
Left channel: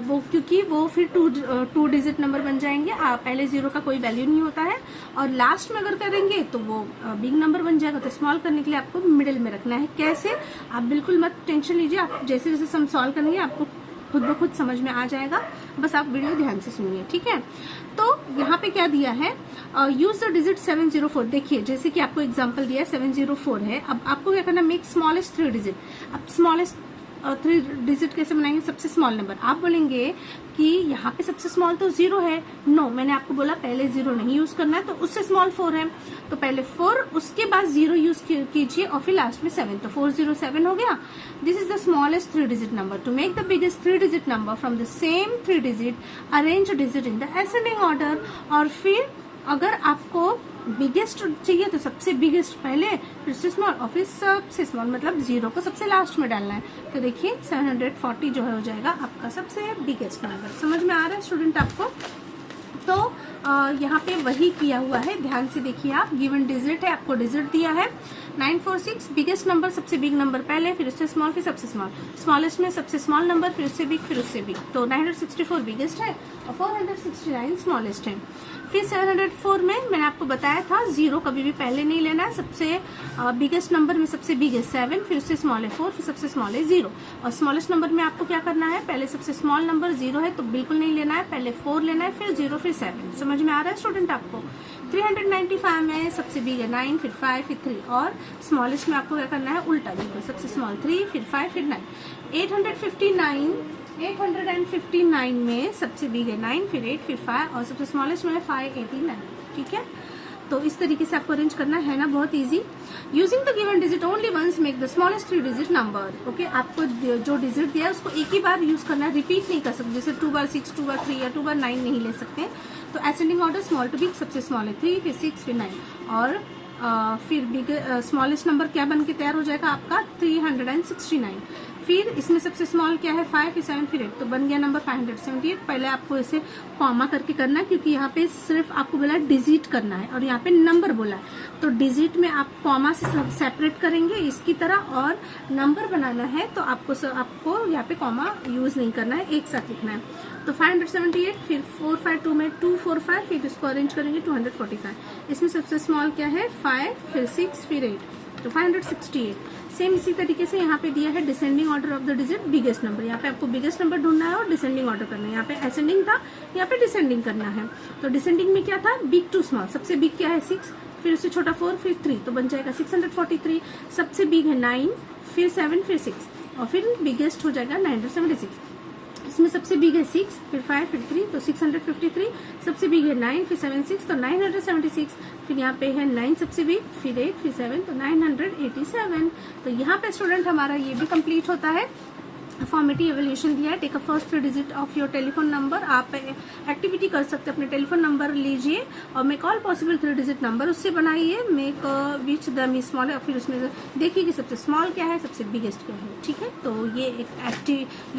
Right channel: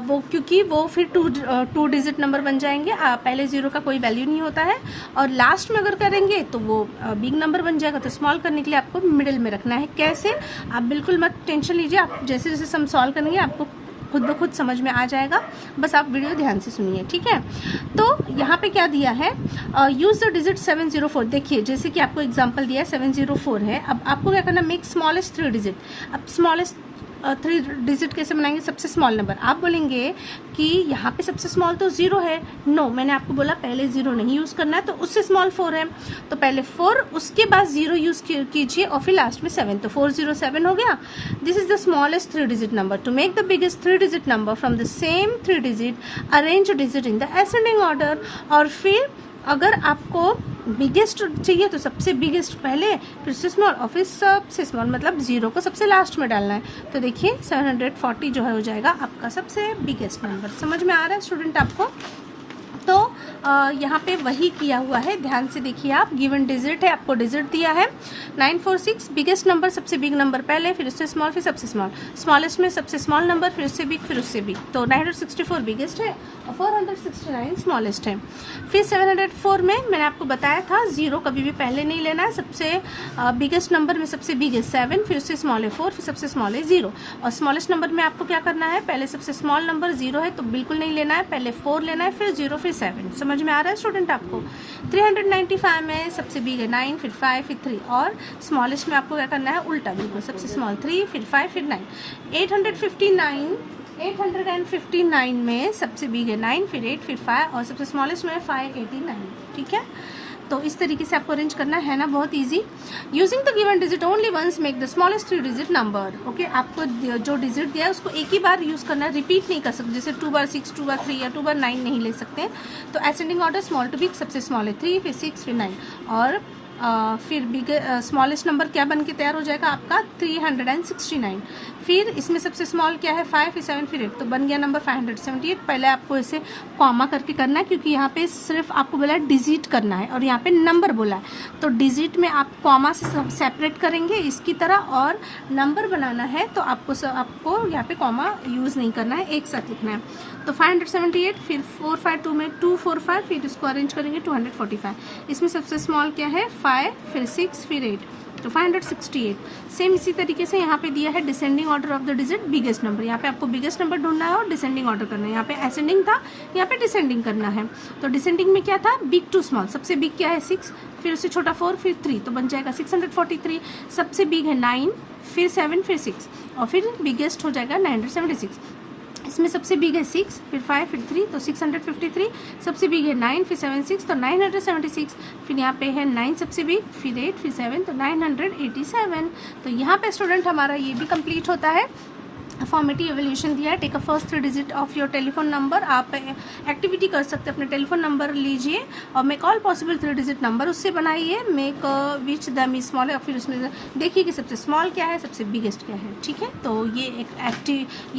वो क्योंकि वो फिर 2 डिजिट नंबर बन जाएंगे. पहले 0 का कोई वैल्यू नहीं होता है, और लास्ट में अगर करेंगे तो वो बिग नंबर बन जाएगा. तो स्मॉल करने के लिए आपको मिडिल में रखना है. कैसे, आप बिल्कुल मत टेंशन लीजिए, आप जैसे जैसे सम सॉल्व करेंगे आपको खुद ब खुद समझ में आ जाएगा, बस आप वीडियो ध्यान से सुनिए, ठीक है. तो यहाँ पे क्या दिया है, यूज द डिजिट 704. देखिए जैसे कि आपको एग्जांपल दिया है 704 है, अब आपको क्या करना, मेक स्मॉलेस्ट 3 डिजिट. अब स्मॉलेस्ट 3 डिजिट कैसे बनाएंगे, सबसे स्मॉल नंबर. आप बोलेंगे कि यहाँ पे सबसे स्मॉल तो 0 है, नो, मैंने आपको बोला पहले 0 नहीं यूज करना है, तो उससे स्मॉल 4 है, तो पहले 4, उसके बाद 0 यूज कीजिए, और फिर लास्ट में 7, तो 407 हो गया. This is the smallest 3 digit number. To make the biggest 3 digit number from the same 3 digit arrange digit in the ascending order. और फिर अगर आपको बिगेस्ट चाहिए तो सबसे बिगेस्ट पहले, फिर से स्मॉल, और फिर सबसे स्मॉल, मतलब 0 को सबसे लास्ट में डालना है. तो देखिए 740 जो है हो जाएगा आपका सबसे बिगेस्ट नंबर. समझ में आ रहा है स्टूडेंट आपको? तो यहाँ पे वही किया हुआ है, ध्यान से देखिए आप. गिवन डिजिट है, आपको डिजिट दिया है 946, बिगेस्ट नंबर, सबसे बिग नंबर पहले, फिर उससे स्मॉल, फिर सबसे स्मॉल, स्मॉलेस्ट में सबसे स्मॉल नंबर, फिर उससे बिग, फिर उससे बिग. तो 964 बिगेस्ट है और 469 स्मॉलेस्ट है. फिर 704 में मैंने आपको बताया था 0 कभी भी पहले नहीं लेना है. सबसे बिगेस्ट नंबर में सबसे बिग है 7, फिर उससे स्मॉल है 4, फिर सबसे स्मॉल है 0, और स्मॉलेस्ट नंबर में आपको क्या करना है, पहले सबसे स्मॉल नंबर 0 है तो बिल्कुल नहीं लेना है, पहले 4 लेना है, फिर 0, फिर 7. समझ में आ रहा है स्टूडेंट आपको? 395 में सबसे बिग है 9, फिर 5, फिर 3, और स्मॉलेस्ट में आपको क्या करना है, उल्टा, बिल्कुल सबसे स्मॉल 3, फिर 5, फिर 9. 859 में सबसे बिग है 9, फिर 8, फिर 5, और सबसे स्मॉलेस्ट में है 589. ठीक है, तो इस तरीके से आपको अरेंज करना है ना, बहुत easy. Using the given digit only once make the smallest 3 digit number. Okay, आपको जो डिजिट दिया है उसको एक ही बार यूज करना है, रिपीट नहीं कर सकते. जैसे 2 बार 6, 2 बार 3 या 2 बार 9 नहीं ले सकते. तो ascending order small to big, सबसे स्मॉल है 3, फिर 6, फिर 9, और फिर बिग स्मॉलेस्ट नंबर क्या बन के तैयार हो जाएगा आपका 369. फिर इसमें सबसे स्मॉल क्या है 5, फिर 7, फिर 8, तो बन गया नंबर 578. पहले आपको इसे कॉमा करके करना है, क्योंकि यहाँ पे सिर्फ आपको बोला है डिजिट करना है और यहाँ पे नंबर बोला है, तो डिजिट में आप कॉमा से सेपरेट करेंगे इसकी तरह, और नंबर बनाना है तो आपको यहाँ पे कॉमा यूज नहीं करना है, एक साथ लिखना है. तो 578, फिर 452 में 245, फिर इसको अरेंज करेंगे 245. इसमें सबसे स्मॉल क्या है 5, फिर 6, फिर 8, तो 568. सेम इसी तरीके से यहाँ पे दिया है descending order of the digit biggest number. यहाँ पे आपको बिगेस्ट नंबर ढूंढना है और डिसेंडिंग ऑर्डर करना है. यहाँ पे असेंडिंग था, यहाँ पे डिसेंडिंग करना है. तो डिसेंडिंग में क्या था, बिग टू स्मॉल. सबसे बिग क्या है 6, फिर उससे छोटा 4, फिर 3, तो बन जाएगा 643. सबसे बिग है 9, फिर 7, फिर 6, और फिर बिगेस्ट हो जाएगा 976. इसमें सबसे बिग है 6, फिर 5, फिर 3, तो 653. सबसे बिग है 9, फिर 7, 6, तो 976. फिर यहाँ पे है 9 सबसे बिग, फिर 8, फिर 7, तो 987. तो यहाँ पे स्टूडेंट हमारा ये भी कंप्लीट होता है. फॉर्मेटिव एवोल्यूशन दिया है, take a first 3 digit of your telephone number. आप एक्टिविटी कर सकते हैं, अपने टेलीफोन नंबर लीजिए और make all possible 3 digit number उससे बनाइए, make which the me small है, और फिर उसमें देखिए कि सबसे स्मॉल क्या है, सबसे बिगेस्ट क्या है। ठीक है, तो ये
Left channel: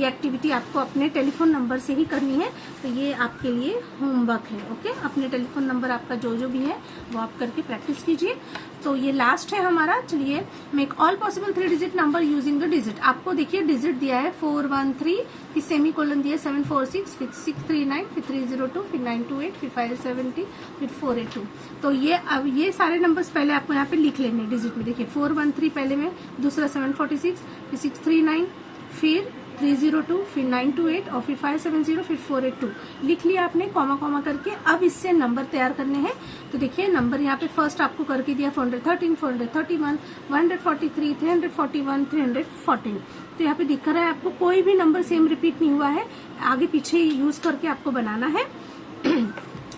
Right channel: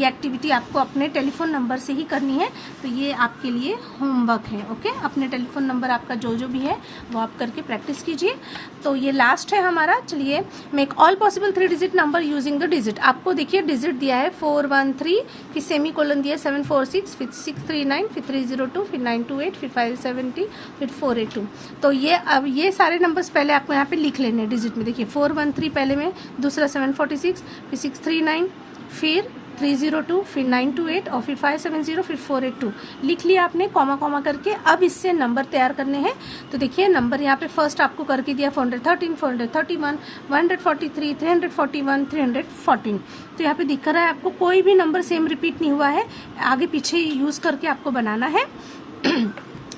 एक्टिविटी आपको अपने टेलीफोन नंबर से ही करनी है, तो ये आपके लिए होमवर्क है। ओके, अपने टेलीफोन नंबर आपका जो भी है वो आप करके प्रैक्टिस कीजिए। तो ये लास्ट है हमारा। चलिए, make all possible 3 digit number using the digit. आपको देखिए डिजिट दिया है 413, फिर सेमी कोलन दिया 746, फिर 639, फिर 302, फिर 928, फिर 570, फिर 482। तो ये अब ये सारे नंबर्स पहले आपको यहाँ पे लिख लेने हैं डिजिट में। देखिए 413 पहले में, दूसरा 746, फिर 639, फिर 302, फिर 928 और फिर 570, फिर 482 लिख लिया आपने कॉमा कॉमा करके। अब इससे नंबर तैयार करने हैं। तो देखिए नंबर यहाँ पे फर्स्ट आपको करके दिया 413, 431, 143, 341, 314। तो यहाँ पे दिख रहा है आपको कोई भी नंबर सेम रिपीट नहीं हुआ है, आगे पीछे यूज करके आपको बनाना है।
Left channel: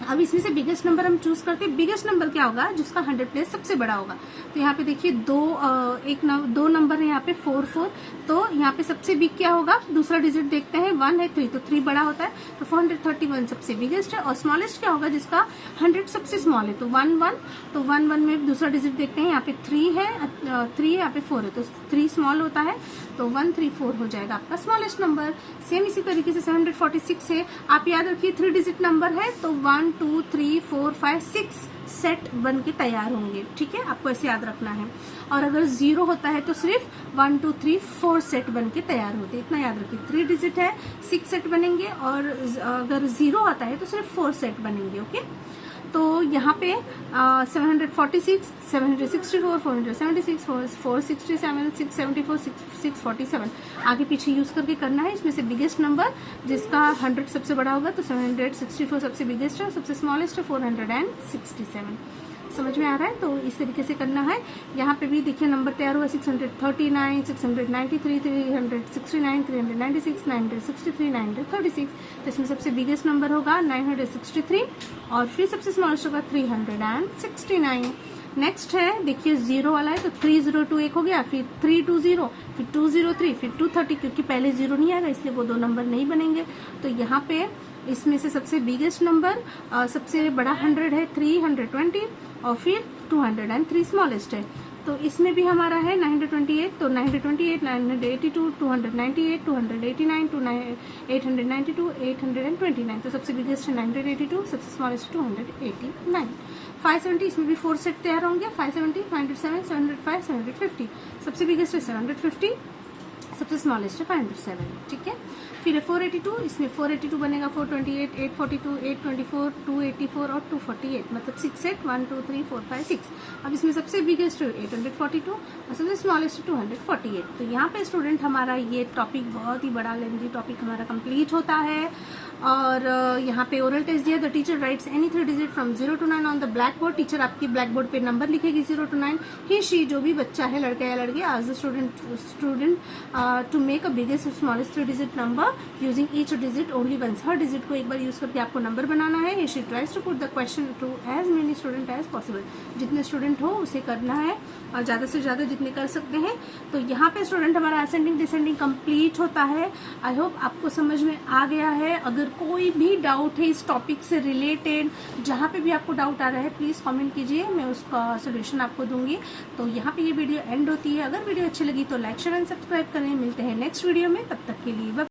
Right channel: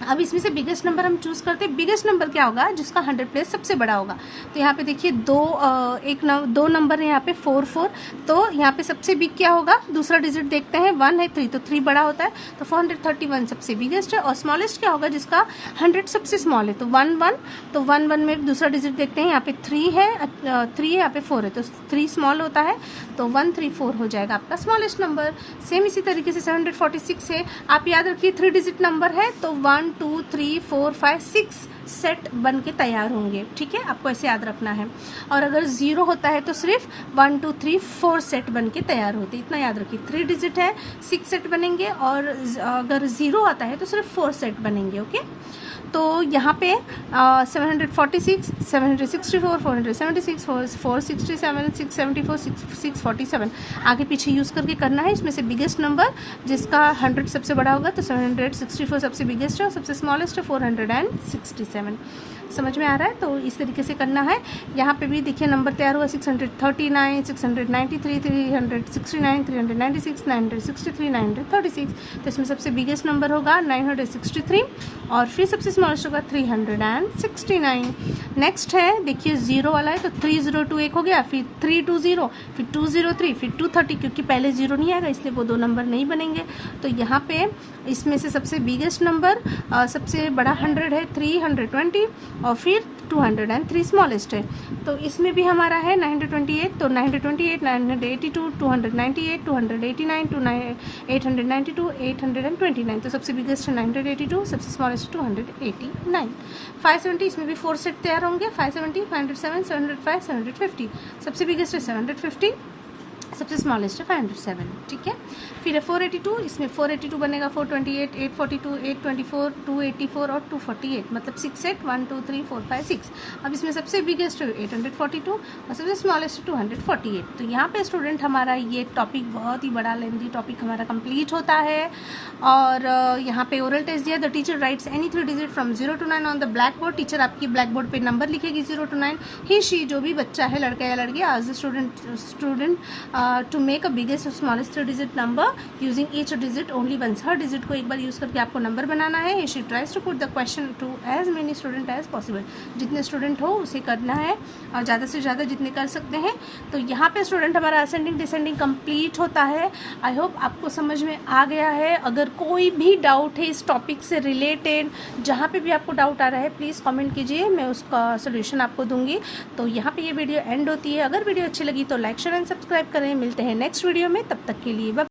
अब इसमें से बिगेस्ट नंबर हम चूज करते हैं। बिगेस्ट नंबर क्या होगा, जिसका 100 प्लेस सबसे बड़ा होगा। तो यहाँ पे देखिए दो नंबर है यहाँ पे 4, तो यहाँ पे सबसे बिग क्या होगा, दूसरा डिजिट देखते हैं, 1 है 3, तो 3 बड़ा होता है, तो 431 सबसे बिगेस्ट है। और स्मॉलेस्ट क्या होगा, जिसका 100 सबसे स्मॉल है, तो 1 तो 1 में दूसरा डिजिट देखते हैं, यहाँ पे 3 है, यहाँ पे 4 है, तो 3 स्मॉल होता है, तो 134 हो जाएगा आपका स्मॉलेस्ट नंबर। सेम इसी तरीके से 746 है, आप याद रखिए 3 डिजिट नंबर है, तो 1 2 3 4 5 6 सेट बन के तैयार होंगे। ठीक है, आपको ऐसे याद रखना है। और अगर 0 होता है तो सिर्फ 1 2 3 4 सेट बन के तैयार होते, इतना याद रखिए। 3 डिजिट है 6 सेट बनेंगे, और अगर 0 आता है तो सिर्फ 4 सेट बनेंगे। ओके, तो यहाँ पे 746, 764, 476, 467, 674, 647 आगे पीछे यूज करके करना है। इसमें से बिगेस्ट नंबर जिसका 100 सबसे बड़ा होगा, तो 764 सबसे बिगेस्ट है, और सबसे स्मॉलेस्ट है 467। समझ में आ रहा है? तो इस तरीके से करना है। यहाँ पे भी देखिए नंबर तैयार हुआ 639, 693, 369, 396, 963, 936। तो इसमें सबसे बिगेस्ट नंबर होगा 963, और फिर सबसे स्मॉलेस्ट होगा 369। नेक्स्ट है देखिए 0 वाला है, तो 302 एक हो गया, फिर 320, फिर 203, फिर 230, क्योंकि पहले 0 नहीं आएगा इसलिए वो 2 नंबर नहीं बनेंगे। तो यहाँ पे इसमें से सबसे बिगेस्ट नंबर सबसे बड़ा 100 है 320, और फिर 203 स्मॉलेस्ट है। तो इसमें भी हमारा है 928, तो 928, 982, 298, 289, 892, 829। तो सबसे बिगेस्ट है 982, सबसे स्मॉलेस्ट 289। 570, इसमें भी 4 सेट तैयार होंगे, 570, 507, 705, 750। सबसे बिगेस्ट है 750, सबसे स्मॉलेस्ट है 507। ठीक है, फिर है 482, इसमें 482 बनेगा 428, 842, 824, 284 और 248, मतलब 6 सेट 1 2 3 4 5 6। अब इसमें सबसे बिगेस्ट है 842 और सबसे स्मॉलेस्ट 248। तो यहाँ पे स्टूडेंट हमारा ये टॉपिक बहुत ही बड़ा लेंथी टॉपिक हमारा कंप्लीट होता है। और यहाँ पे ओरल टेस्ट दिया, the teacher writes any 3 digit from 0 to 9 on the black board. Teacher आपकी ब्लैक बोर्ड पे नंबर लिखेगी 0 to 9। ही शी जो भी बच्चा है, लड़का या लड़की, आज the student to make a biggest और smallest 3 digit number using each digit only once. हर डिजिट को एक बार यूज करके आपको नंबर बनाना है। She tries to put the question to as many student as possible. जितने स्टूडेंट हो उसे करना है, और ज़्यादा से ज़्यादा जितने कर सकते हैं। तो यहाँ पे स्टूडेंट हमारा असेंडिंग डिसेंडिंग कंप्लीट होता है। आई होप आपको समझ में आ गया है। अगर कोई भी डाउट है इस टॉपिक से रिलेटेड, जहाँ पे भी आपको डाउट आ रहा है, प्लीज़ कमेंट कीजिए, मैं उसका सोल्यूशन आपको दूंगी। तो यहाँ पे ये वीडियो एंड होती है। अगर वीडियो अच्छी लगी तो लाइक शेयर एंड सब्सक्राइब करें। मिलते हैं नेक्स्ट वीडियो में, तब तक के लिए बाय।